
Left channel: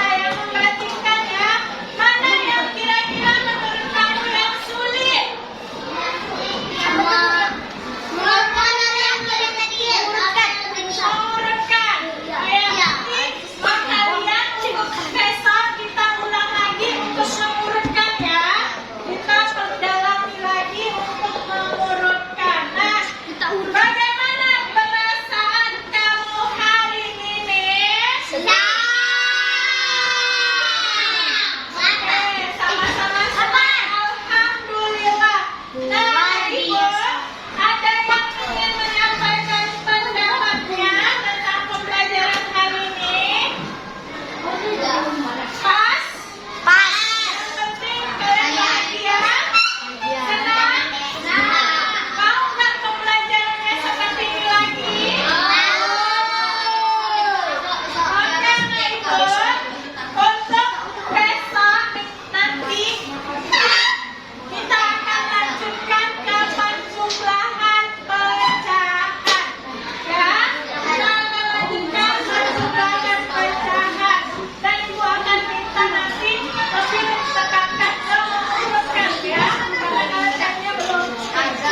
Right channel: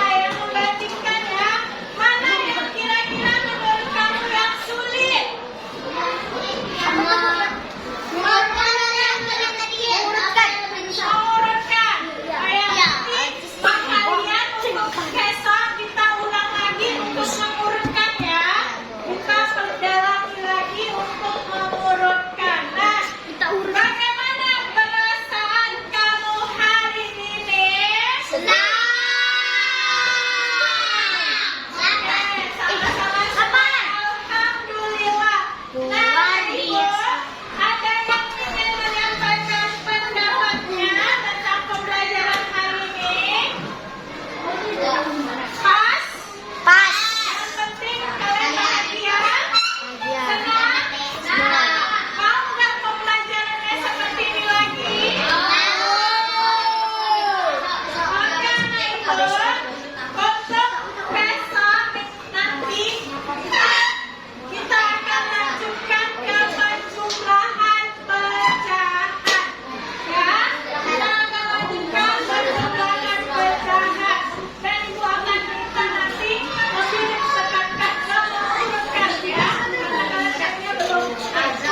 yang membandingkan ya. Mana yang kira-kira menurut kamu yang sulit? Mengurutkan. Yang penting kalian besok kita ulang lagi untuk mengurutkan ya. Kita perdalami lagi untuk mengurutkan. Nah, bagaimana perasaan kamu hari ini? Oke, sama-sama alhamdulillah. Nah, Ibu, ada yang ingin menyampaikan pendapatnya tentang pembelajaran hari ini? Pas? Yang penting kalian bahagia? Senang? Mau nggak pembelajarannya seperti ini lagi? Oke, Anak Ibu. Untuk besok nanti kita akan lanjutkan ke penjumlahan pecahan. Ya, kita akan lanjutkan penjumlahan pecahan. Dan Ibu akan minta nanti lebih tekankan mengurutkan ya. Karena kalian belum ada.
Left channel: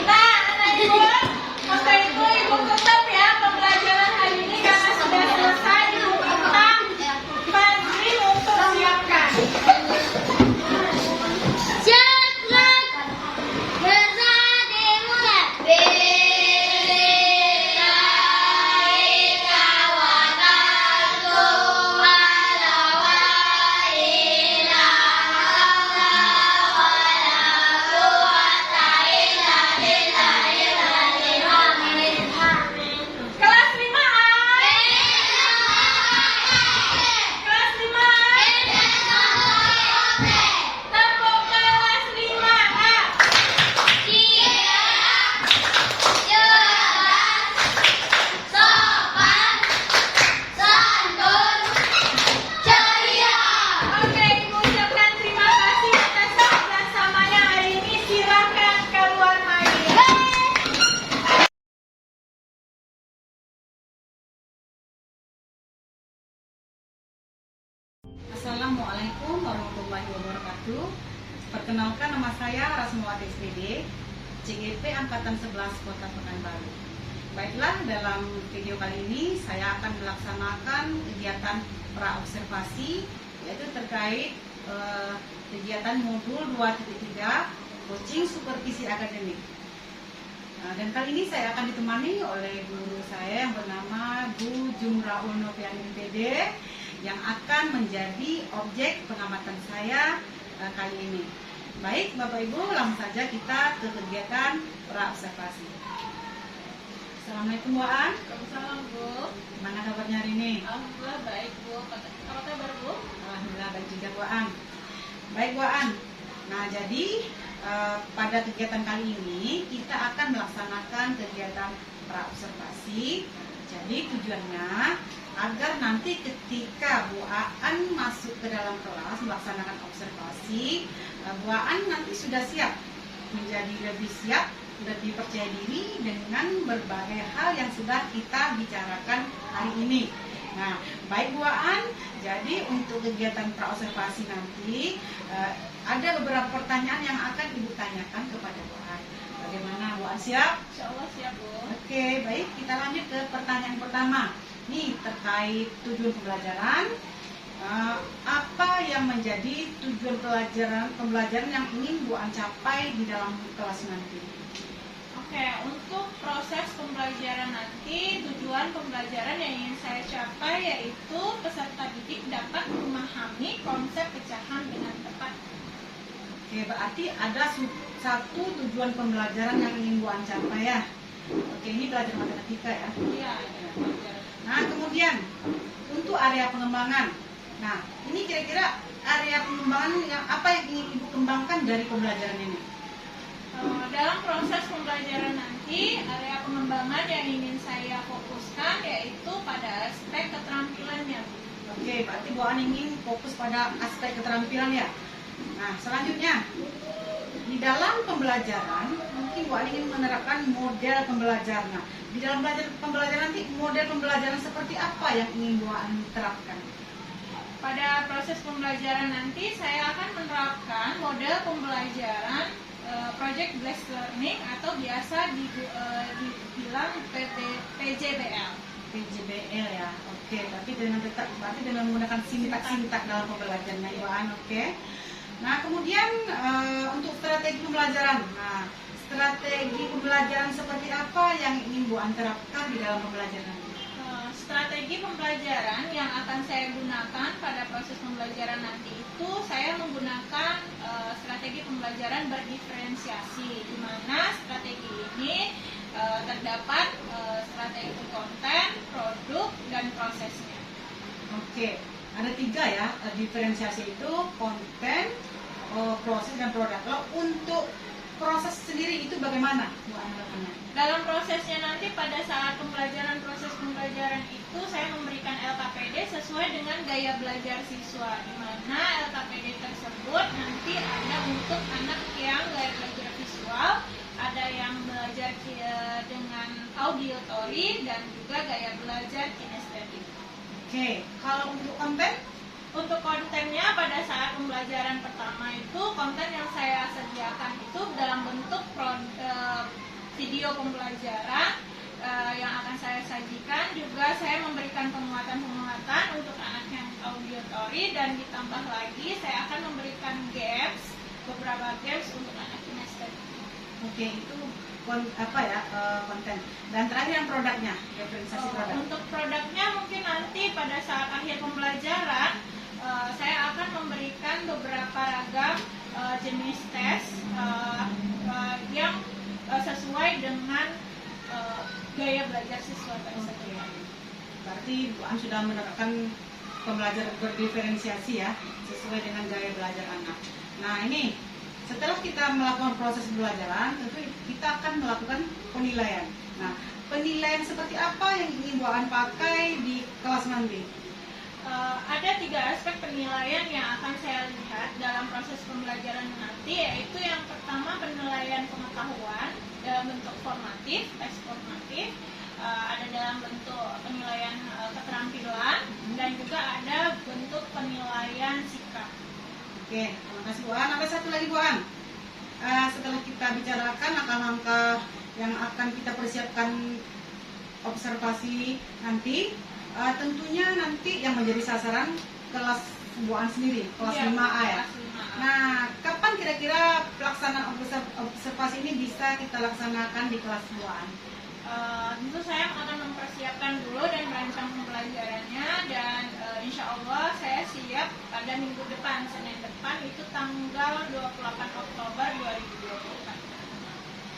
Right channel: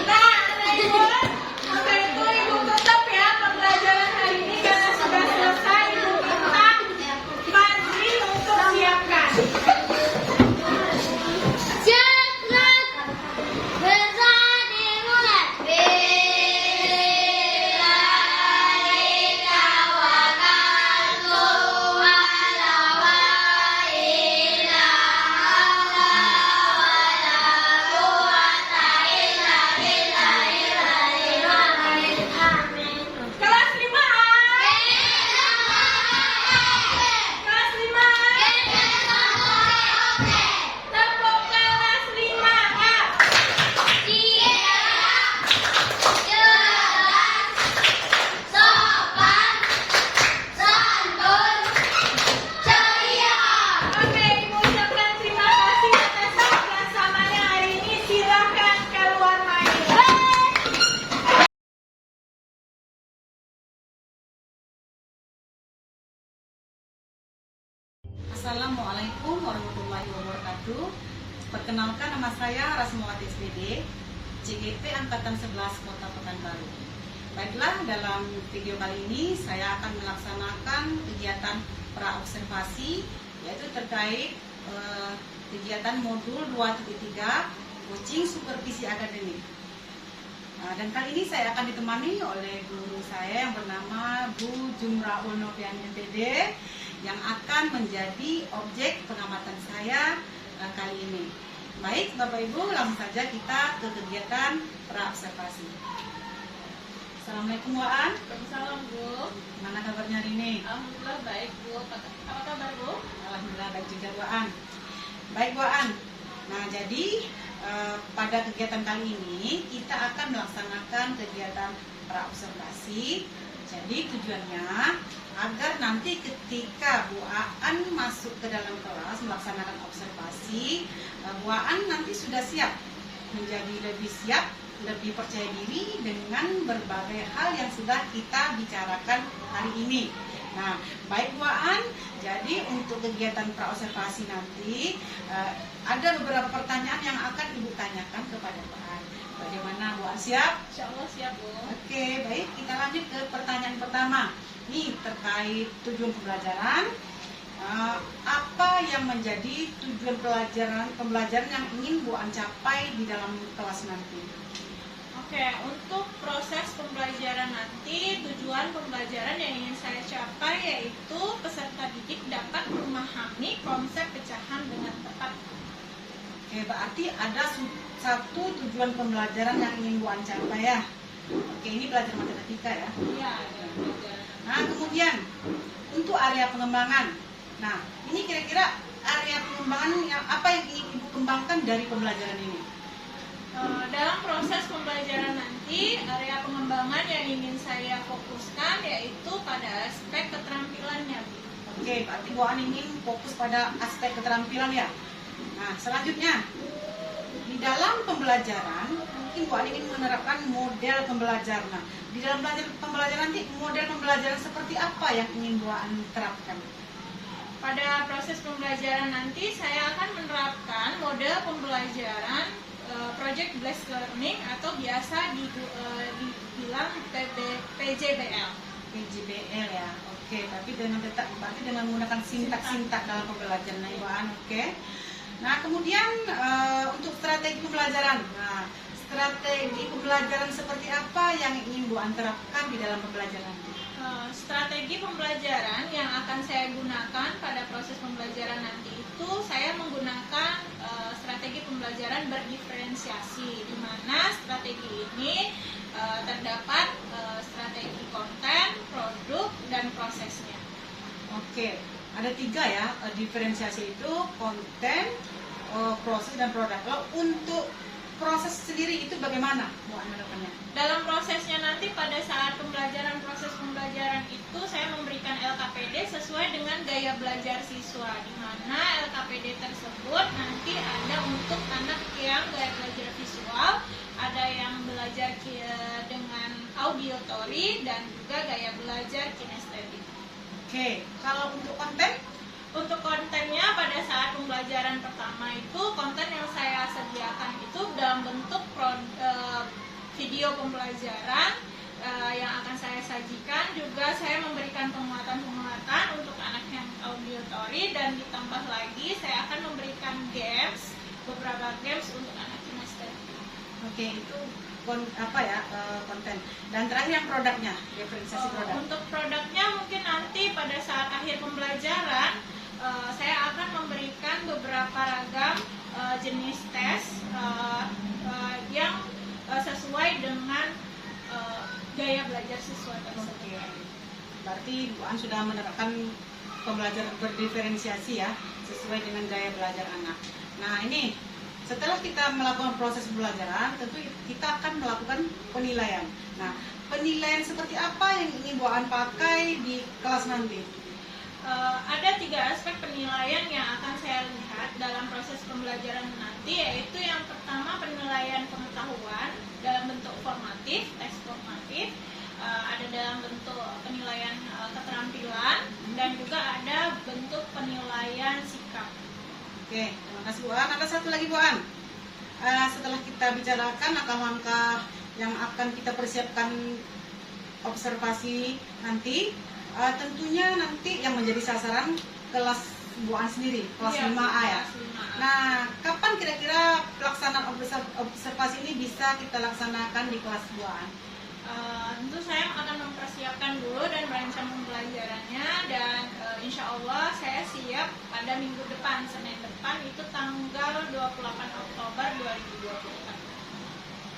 Nah, Anak Ibu, maka itu Ibu tutup ya pembelajaran hari ini karena sudah selesai. Ibu minta Fadli untuk siapkan. Kelas 5A. Kelas 5A. Tepuk kelas 5A. Oke, Ibu ucapkan terima kasih atas kerjasamanya hari ini. Silakan keluar main. Assalamualaikum warahmatullahi wabarakatuh. Perkenalkan, nama saya Rasmawati SPD, CGP Angkatan 11 Kota Pekanbaru. Baiklah, dalam video kali ini saya akan melaksanakan kegiatan praobservasi, yaitu terkait kegiatan modul 2.3 coaching supervisi akademik. Dan kali ini saya akan ditemani oleh guru saya yang bernama Bu Jumraul Novian MPD, yang akan menjadi objek pengamatan saya kali ini. Baik, Bapak Ibu, langsung saja kita ke kegiatan praobservasi. Assalamualaikum Bu An. Waalaikumsalam, Bu. Mana kabarnya hari ini? Alhamdulillah baik, Bu. Apa kabar, Bu? Alhamdulillah baik juga Bu An. Baik Bu An. Nah, jadi pada kegiatan kali ini kita akan melaksanakan kegiatan praobservasi. Jadi tujuannya agar nanti ketika Bu Aan masuk ke dalam kelas melaksanakan observasi, Bu Aan nanti sudah siap, menjadi lebih siap, lebih percaya diri dengan berbagai hal yang sudah kita bicarakan hari ini. Nah, baik Bu Aan, jadi untuk kegiatan praobservasi nanti ada beberapa pertanyaan yang akan Ibu tanyakan kepada Bu Aan. Bagaimana Bu Aan, siap? Insya Allah siap, Bu. Oke, baik, kita lanjut ke pertanyaan pertama. Nih, terkait tujuan pembelajaran. yang menjadi tujuan pembelajaran yang ingin Bu An capai di dalam kelas nanti? Oke, untuk proses pembelajaran nanti, tujuan pembelajaran yang ingin saya capai yaitu peserta didik dapat memahami konsep pecahan dengan tepat. Oke, berarti ada satu tujuan pembelajaran yang ingin Bu An capai ya. Oke, ini belajar matematika ya. Iya, pembelajaran. Nah, kemudian untuk area pengembangan. Nah, ini kira-kira area pengembangan yang apa yang ingin Ibu kembangkan dari pembelajaran ini? Dalam proses pembelajaran nanti, area pengembangan yang ingin saya fokuskan yaitu pada aspek keterampilannya. Oke, berarti Bu An ingin fokus pada aspek keterampilan ya. Nah, selanjutnya di dalam pembelajaran mungkin Bu An ingin menerapkan model pembelajaran. Nah, di dalam pembelajaran nanti model pembelajaran seperti apa yang ingin Bu An terapkan? Pada proses pembelajaran nanti saya akan menerapkan model pembelajaran Project Based Learning atau biasa dibilang PJBL. PJBL ya. Oke, tapi berarti dengan menggunakan sintak dalam pembelajaran Bu An. Oke. Nah, kemudian untuk strategi pembelajaran. Nah, strategi pembelajaran seperti apa yang ingin Bu An terapkan di dalam pembelajaran? Strategi pembelajaran yang akan saya gunakan pada proses pembelajaran nanti itu saya menggunakan strategi pembelajaran berdiferensiasi, di mana strategi ini terdapat strategi konten, produk, dan prosesnya. Oke, ada 3 ya, diferensiasi itu konten, proses, dan produk. Lalu untuk proses sendiri itu bagaimana Bu An harapannya? Dalam prosesnya nanti pada saat proses pembelajaran itu saya memberikan LKPD sesuai dengan gaya belajar siswa, di mana LKPD tersebut nanti ada untuk anak yang gaya belajar visual, ada yang belajar dengan auditory, dan juga gaya belajar kinestetik. Oke, kalau untuk konten? Untuk kontennya pada saat pembelajaran pertama itu konten yang saya sediakan itu dalam bentuk video pembelajaran yang akan saya sajikan. Juga saya memberikan penguatan untuk anak yang auditory, dan ditambah lagi saya akan memberikan beberapa games untuk anak kinestetik. Oke, itu konten. Dan terakhir yang produknya, diferensiasi produk. Untuk produknya mungkin nanti pada saat akhir pembelajaran saya akan memberikan beberapa ragam jenis tes yang sesuai dengan gaya belajar siswa tersebut. Berarti Bu An sudah menerapkan pembelajaran berdiferensiasi ya, sesuai dengan gaya belajar anak. Nah, ini setelah kita melakukan proses pembelajaran, tentu kita akan melakukan penilaian. Nah, penilaian seperti apa yang ingin Bu An pakai di kelas nanti? Ada 3 aspek penilaian yang akan saya lihat dalam proses pembelajaran nanti, yaitu yang pertama penilaian pengetahuan dalam bentuk formatif, teks formatif, ada dalam bentuk penilaian keterampilan, dan juga ada bentuk penilaian sikap. Oke, terima kasih Bu An. Ada satu lagi Bu An. Setelah kita bicarakan langkah-langkah yang akan kita persiapkan observasi nanti, tentunya nanti yang menjadi sasaran kelas Bu An sendiri, kelas 5A ya. Nah, kapan kira-kira pelaksanaan observasi ini bisa kita laksanakan di kelas Bu An? Tentu saya akan mempersiapkan dulu dan merancang pembelajarannya, dan insya Allah saya siap pada minggu depan, Senin depan, itu tanggal 28 Oktober 2024.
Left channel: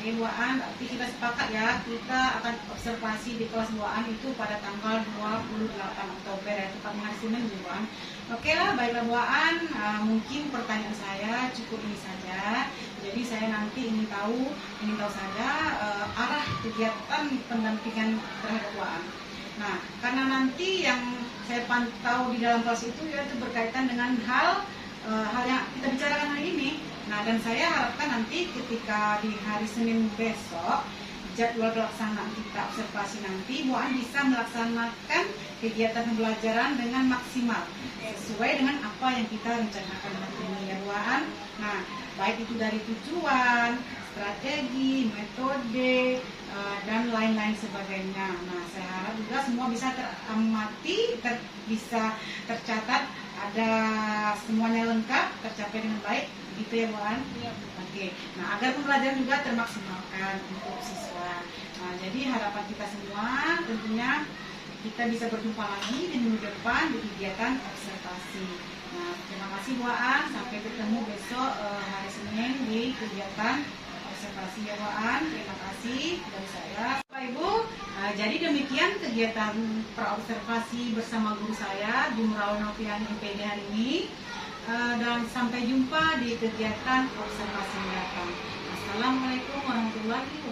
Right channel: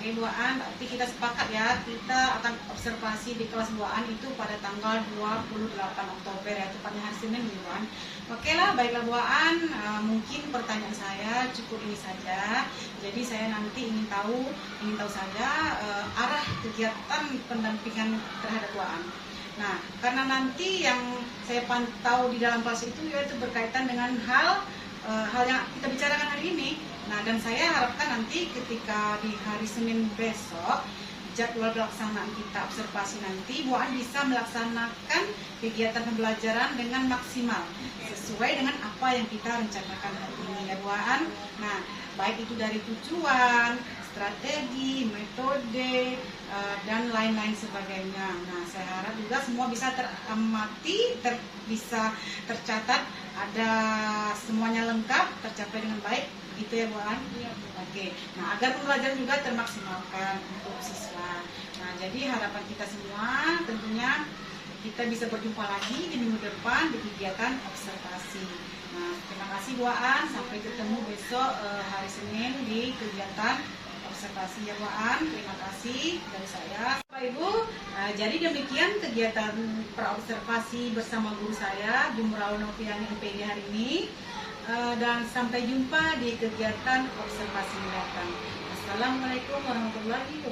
Oke Bu An, berarti kita sepakat ya, kita akan observasi di kelas Bu An itu pada tanggal 28 Oktober ya, tepatnya hari Senin Bu An. Oke lah, baiklah Bu An, mungkin pertanyaan saya cukup ini saja. Jadi saya nanti ingin tahu saja arah kegiatan pendampingan terhadap Bu An. Nah, karena nanti yang saya pantau di dalam kelas itu yaitu berkaitan dengan hal yang kita bicarakan hari ini. Nah, dan saya harapkan nanti ketika di hari Senin besok jadwal pelaksanaan kita observasi nanti, Bu An bisa melaksanakan kegiatan pembelajaran dengan maksimal sesuai dengan apa yang kita rencanakan hari ini ya Bu An. Nah, baik itu dari tujuan, strategi, metode, dan lain-lain sebagainya. Nah, saya harap juga semua bisa teramati, bisa tercatat, ada semuanya lengkap, tercapai dengan baik, gitu ya Bu An? Iya, Bu. Oke, nah agar pembelajaran juga termaksimalkan untuk siswa. Nah, jadi harapan kita semua tentunya kita bisa berjumpa lagi di minggu depan di kegiatan observasi. Nah, terima kasih Bu An, sampai ketemu besok hari Senin di kegiatan observasi ya Bu An. Terima kasih dari saya. Bapak Ibu, jadi demikian kegiatan praobservasi bersama guru saya, Jumraul Noviani IPB hari ini. Dan sampai jumpa di kegiatan observasi mendatang. Assalamualaikum warahmatullahi wabarakatuh.